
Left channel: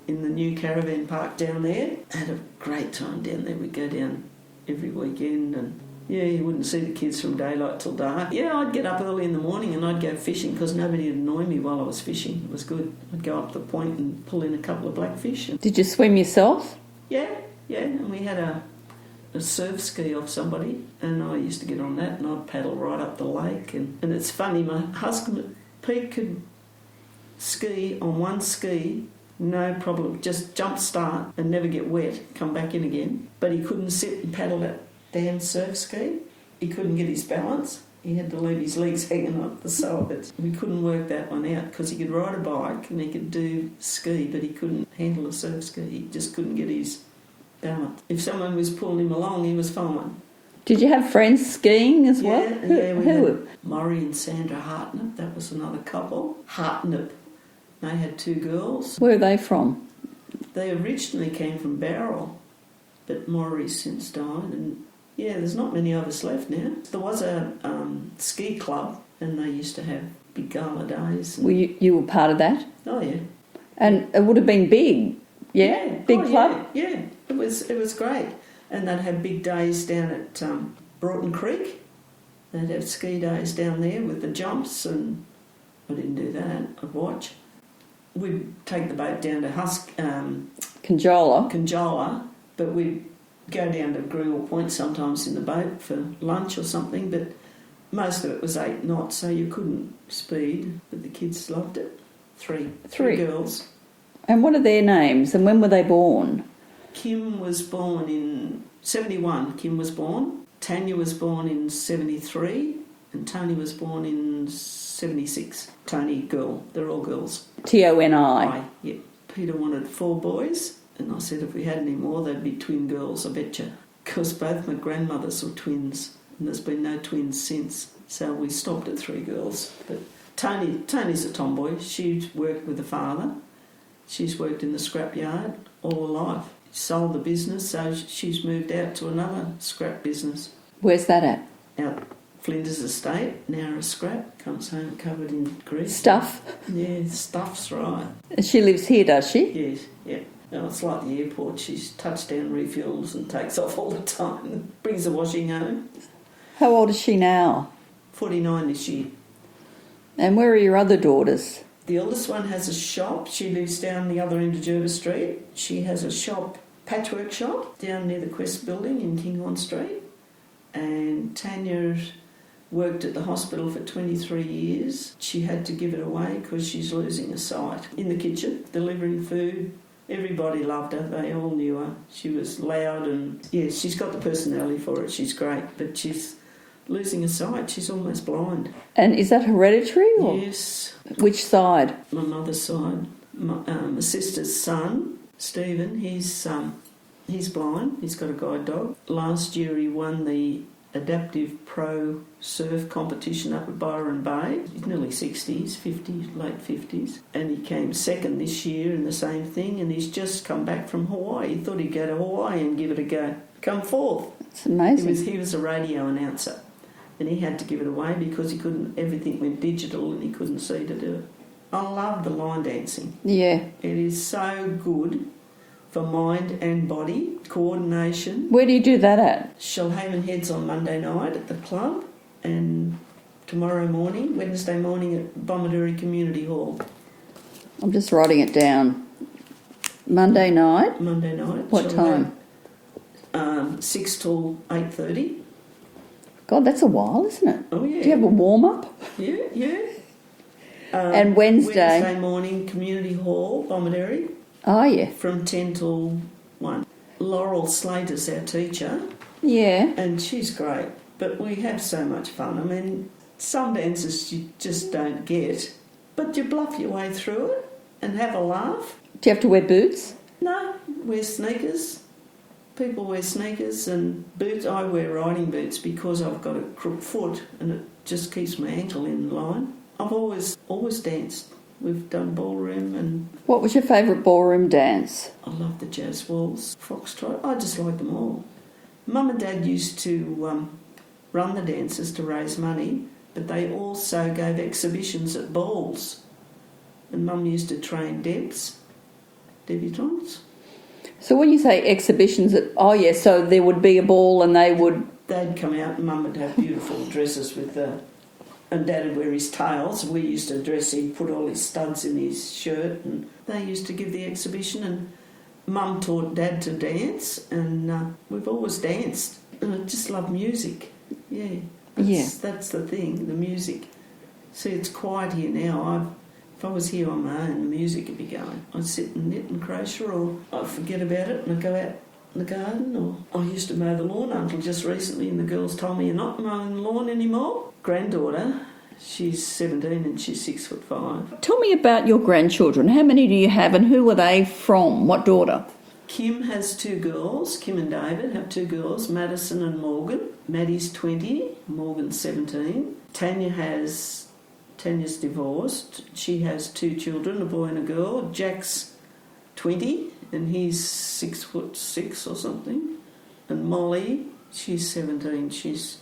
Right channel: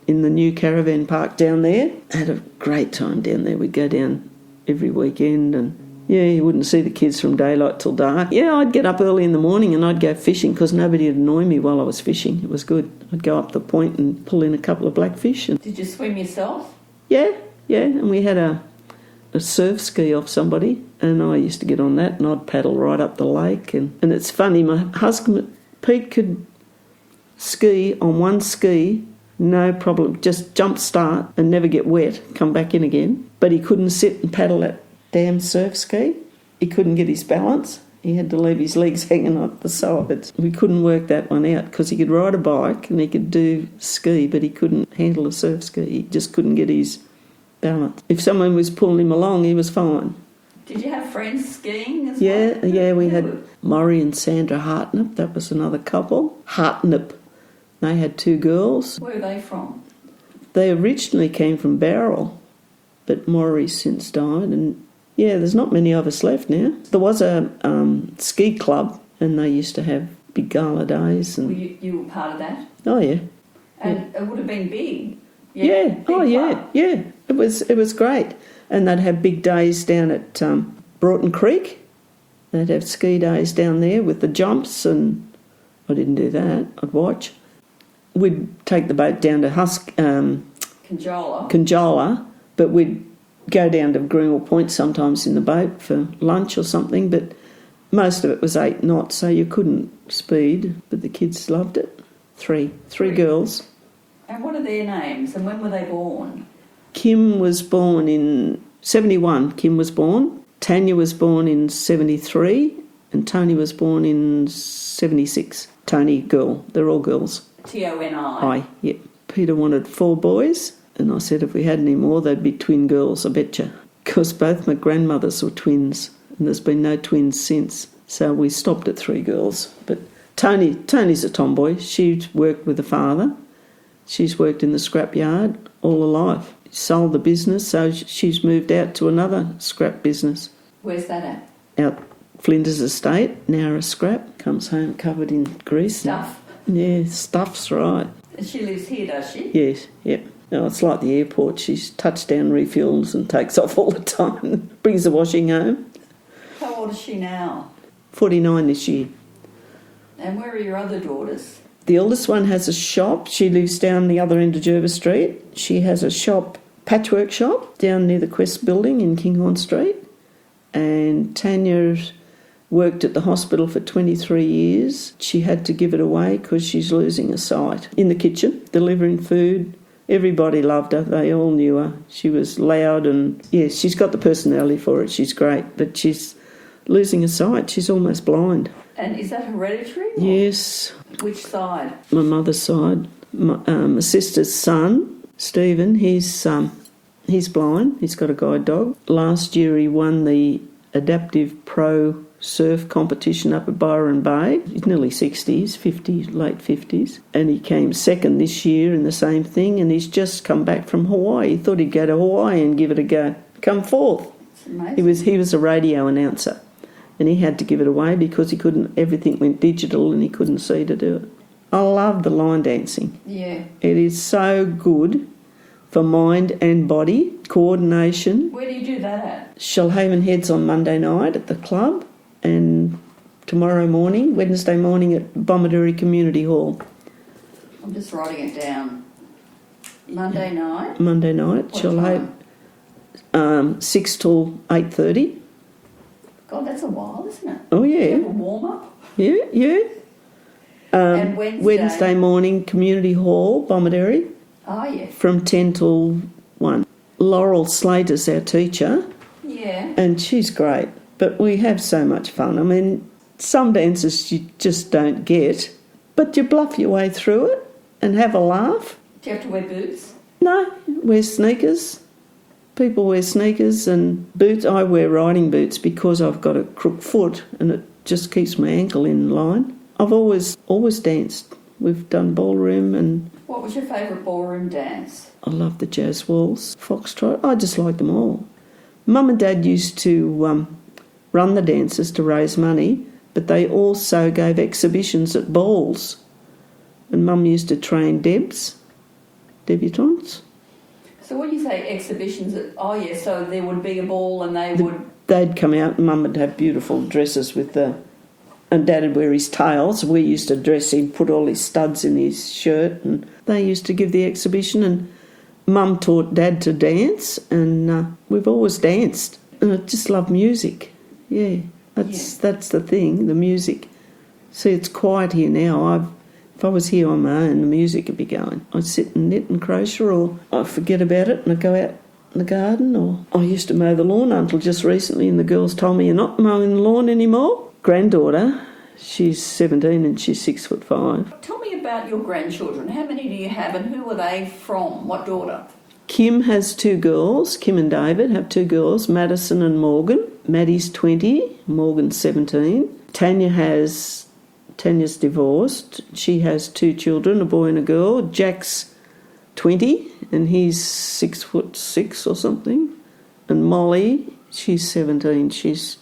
in the new caravan park down there. Had a great time down there. We'd go down every weekend, and yeah, you wouldn't see the kids from daylight till dark. Yeah, I'd get up early in the morning and I'd go fishing because nobody would annoy me while I was fishing. It was good. I'd go up the point and pull in a couple of blackfish. And did you swim yourself? Yeah, and we had a surf ski off somebody, and I used to get on that and I'd paddle right up the lake. And it's funny, my husband, Pete, could ski on one ski, no problem, just jump start and never get wet, come back in again. But he couldn't sit and paddle that damn surf ski. He couldn't get his balance. He had to leave his legs hanging on the sides. We couldn't work that one out because he could ride a bike and he could do ski, but he couldn't handle a surf ski. He just couldn't get his balance. If someone was pulling him along, he was fine. Did you have friends skiing as well? Yeah, we had Maury and Sandra Hartnip. That was another couple. Hartnip. They had 2 girls. Where are they from? They originally came from Bowral, but Maury's since died, and yeah, there's not many of us left now. There was a ski club, and they used to have big gala days. And... Well, you were part of that? Oh, yeah. And it would have been big. Yeah, big club. Yeah. It was great. And they'd have big days down at Broughton Creek. They'd have ski days down there with the jumps, and I didn't do that. I'd watch. We'd take the boat down to Conjola, but we'd go down to Greenwell Point sometimes in the boat for lunch or something, but most of it was 8 knots, so you couldn't speed, but the kids loved it. Three girls. And what are their names, and when were they born? Kim was born in 71, Kim was born. Tanya was born in 73, and Tony was born in 76. Tony, girl. They're all girls. Toni. Yeah. Peter wanted 4 boys, and I said if we had any more, they'd be twin girls, I betcha. Because both my grandmothers were twins, and there's been no twins since. So we stopped at 3 girls. But Tony's a tomboy. She worked with her father. She's worked in the scrapyard all her life. Sold the business, so she's moved out to another scrap business. Where's that at? Out Flinders Estate, Nowra Scrap. Comes home covered in grease. Stuff? Yeah, stuff's right. And she lives here, does she? Yes, yeah. No, it's like the airport. She's touchdown refills and takes off all the time. Brings the washing home. How old is she now? 49 this year. And where are your other daughters? The eldest one has a shop. She lives down the other end of Jervis Street. She has a shop patchwork shop down near the Quest building in Kinghorn Street. And Tanya worked at the hospital for 23 years. She had to give it away because she's losing her sight. In the kitchen, delivering food. Everybody loved her. They all knew her. She was loud and, yes, she's got the personality for it. She's great, but she's losing her sight. She's almost blind. And is that hereditary? Or Yes. which side? My mother's side. My sister's son, Stephen, he's blind. He's got a guide dog. Last year he won the Adaptive Pro Surf competition up at Byron Bay. He's nearly 60s, 50, late 50s. And he came second this year in the same thing, and he's just come back from Hawaii. He thought he'd go to Hawaii and give it a go. Come fourth. It's amazing. He was a radio announcer, and he had to give it away because he couldn't, everything went digital and he couldn't see to do it. I love the line dancing. Yeah. It is so good for mind and body, coordination. Where do you do that at? Shoalhaven Heads on Monday night at the club, and tomorrow morning, Wednesday morning at Bomaderry Community Hall. I'm just writing it down. Monday night? Monday night. What time? 6 till 8:30. God, that's a while, isn't it? Oh, yeah. Do you have a warm-up? Yeah. And Wednesday? Wednesday morning, Community Hall, Bomaderry, Oh, yeah. from 10 till 1. Laurel Slater's our teacher, Yeah. and she's great. But we have so much fun. I mean, some dances you just don't get, but you bluff your way through it and have a laugh. Do you have to wear boots? No, wear sneakers. People wear sneakers and boots. I wear riding boots because I've got a crook foot and it just keeps my ankle in line. I've always danced. We've done ballroom, and What was your favourite ballroom dance? I love the jazz waltz, foxtrot. I just like them all. Mum and Dad used to run the dances to raise money, but they also gave exhibitions at balls. And Mum used to train debutantes. So when you say exhibitions, so there would be a ball and They'd come out and Mum would have beautiful dresses and Dad would wear his tails. We used to dress him, put all his studs in his shirt, and they used to give the exhibition, and Mum taught Dad to dance, and we've always danced. And I just love music. Yeah, that's the thing, the music. See, it's quiet here now. If I was here on my own, the music would be going. I'd sit and knit and crochet, or I'd forget about it and I'd go out in the garden, or I used to mow the lawn until just recently, and the girls told me, "You're not mowing the lawn anymore." Granddaughter, she's 17 and she's 6'5". Tell me about your grandchildren. How many do you have and who are they from? What daughter? Kim has 2 girls. Kim and David have 2 girls, Madison and Morgan. Maddie's 20, Morgan's 17. Tanya's divorced. She has 2 children, a boy and a girl. Jack's 20 and he's 6'6" or something. And Molly, she's 17. She's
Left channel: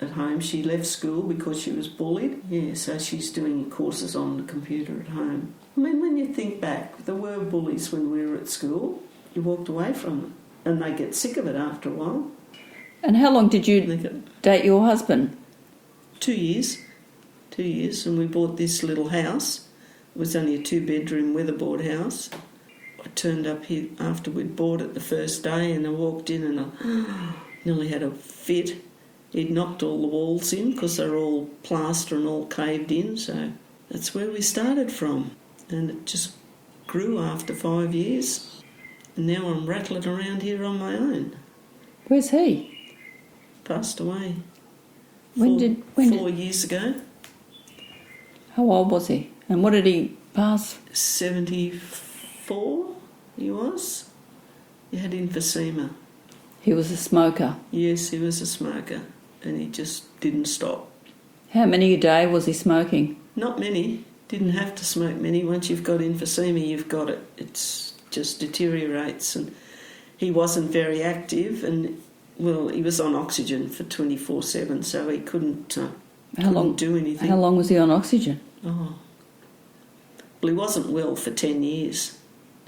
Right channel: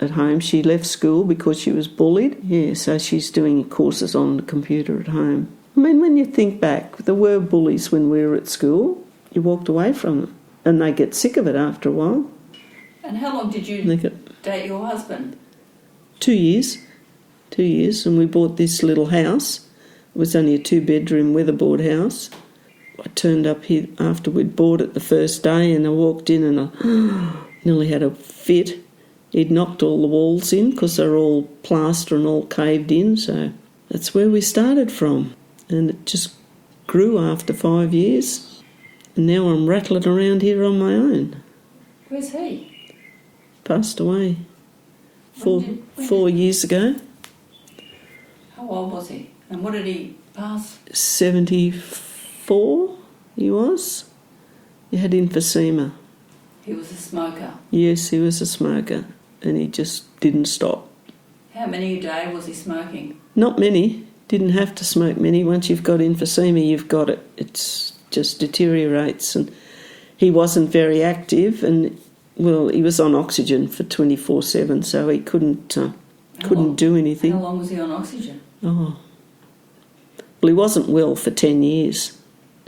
at home. She left school because she was bullied. Yeah, so she's doing courses on the computer at home. I mean, when you think back, there were bullies when we were at school. You walked away from them, and they get sick of it after a while. And how long did you date your husband? 2 years. 2 years, and we bought this little house. It was only a 2-bedroom weatherboard house. I turned up here after we'd bought it the first day, and I walked in and I nearly had a fit. He'd knocked all the walls in because they're all plaster and all caved in, so that's where we started from. And it just grew after 5 years. And now I'm rattling around here on my own. Where's he? Passed away 4 years ago. How old was he? And what did he pass? 74 he was. He had emphysema. He was a smoker. Yes, he was a smoker, and he just didn't stop. How many a day was he smoking? Not many. Didn't have to smoke many. Once you've got emphysema, you've got it. It just deteriorates. And he wasn't very active, and he was on oxygen for 24/7, so he couldn't do anything. How long was he on oxygen? Well, he wasn't well for 10 years,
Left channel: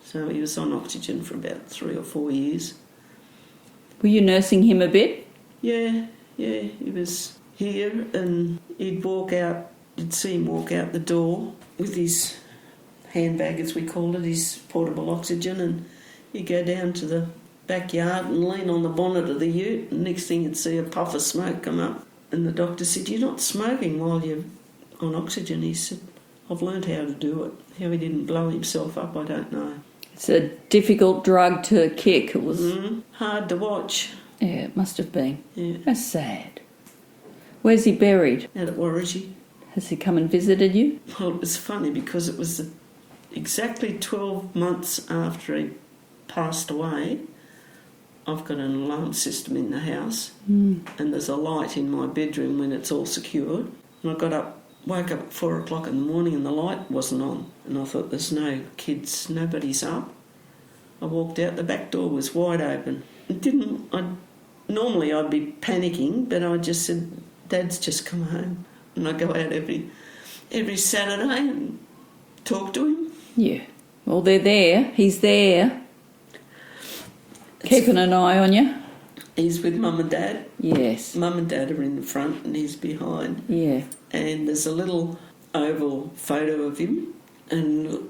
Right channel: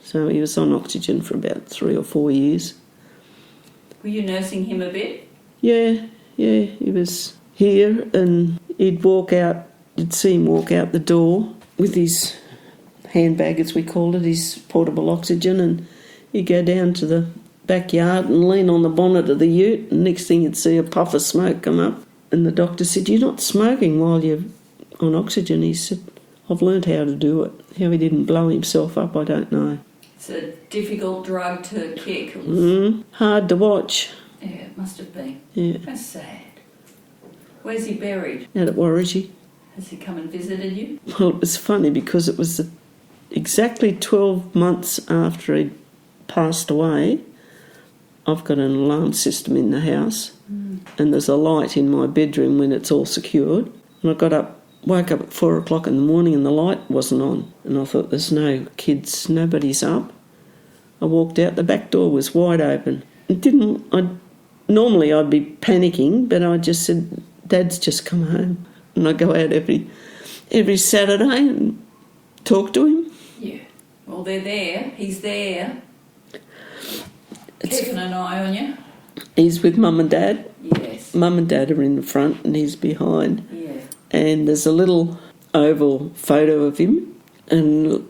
so he was on oxygen for about 3 or 4 years. Were you nursing him a bit? Yeah, he was here, and you'd see him walk out the door with his handbag, as we called it, his portable oxygen, and You go down to the backyard and lean on the bonnet of the ute, and next thing you'd see a puff of smoke come up. And the doctor said, "You're not smoking while you're on oxygen." He said, "I've learned how to do it." How he didn't blow himself up, I don't know. It's a difficult drug to kick. It was hard to watch. Yeah, it must have been. Yeah. That's sad. Where's he buried? Out at Warragee. Has he come and visited you? Well, it was funny because it was exactly 12 months after he'd passed away. I've got an alarm system in the house, and there's a light in my bedroom when it's all secured. And I woke up at 4 o'clock in the morning and the light wasn't on. And I thought, there's no kids, nobody's up. I walked out, the back door was wide open. Normally I'd be panicking, but I just said, "Dad's just come home." And I go out every Saturday and talk to him. Yeah. Well, they're there. He's there. Keeping an eye on you. He's with Mum and Dad. Yes. Mum and Dad are in the front and he's behind. Yeah. And there's a little oval photo of him. And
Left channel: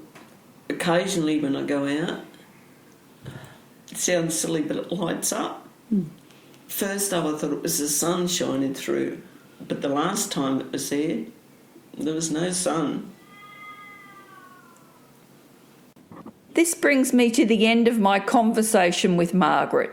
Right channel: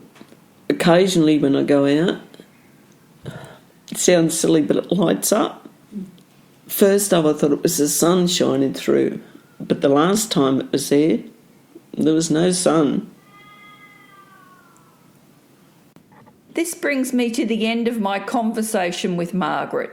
occasionally when I go out, it sounds silly, but it lights up. First up I thought it was the sun shining through. But the last time it was there was no sun. This brings me to the end of my conversation with Margaret.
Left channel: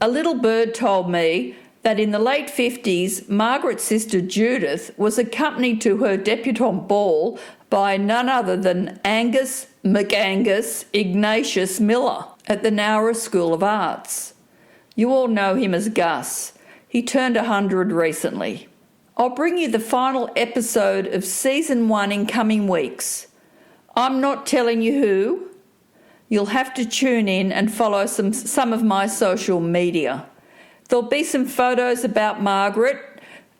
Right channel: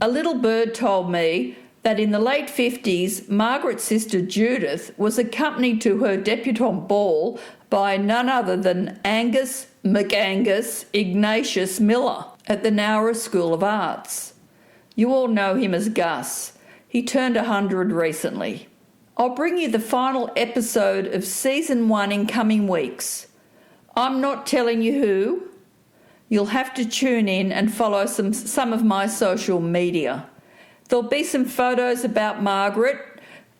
A little bird told me that in the late 50s, Margaret's sister Judith was accompanied to her debutante ball by none other than Angus McAngus Ignatius Miller at the Nowra School of Arts. You all know him as Gus. He turned 100 recently. I'll bring you the final episode of Season 1 in coming weeks. I'm not telling you who. You'll have to tune in and follow some of my social media. There'll be some photos about Margaret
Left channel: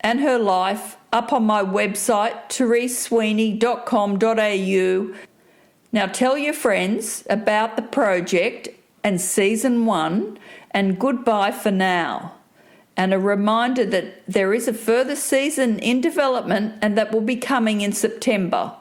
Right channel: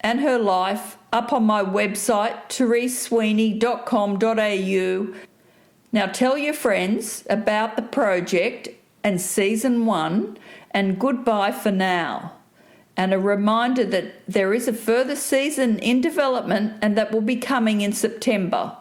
and her life up on my website, theresesweeney.com.au. Now tell your friends about the project and Season 1, and goodbye for now. And a reminder that there is a further season in development and that will be coming in September.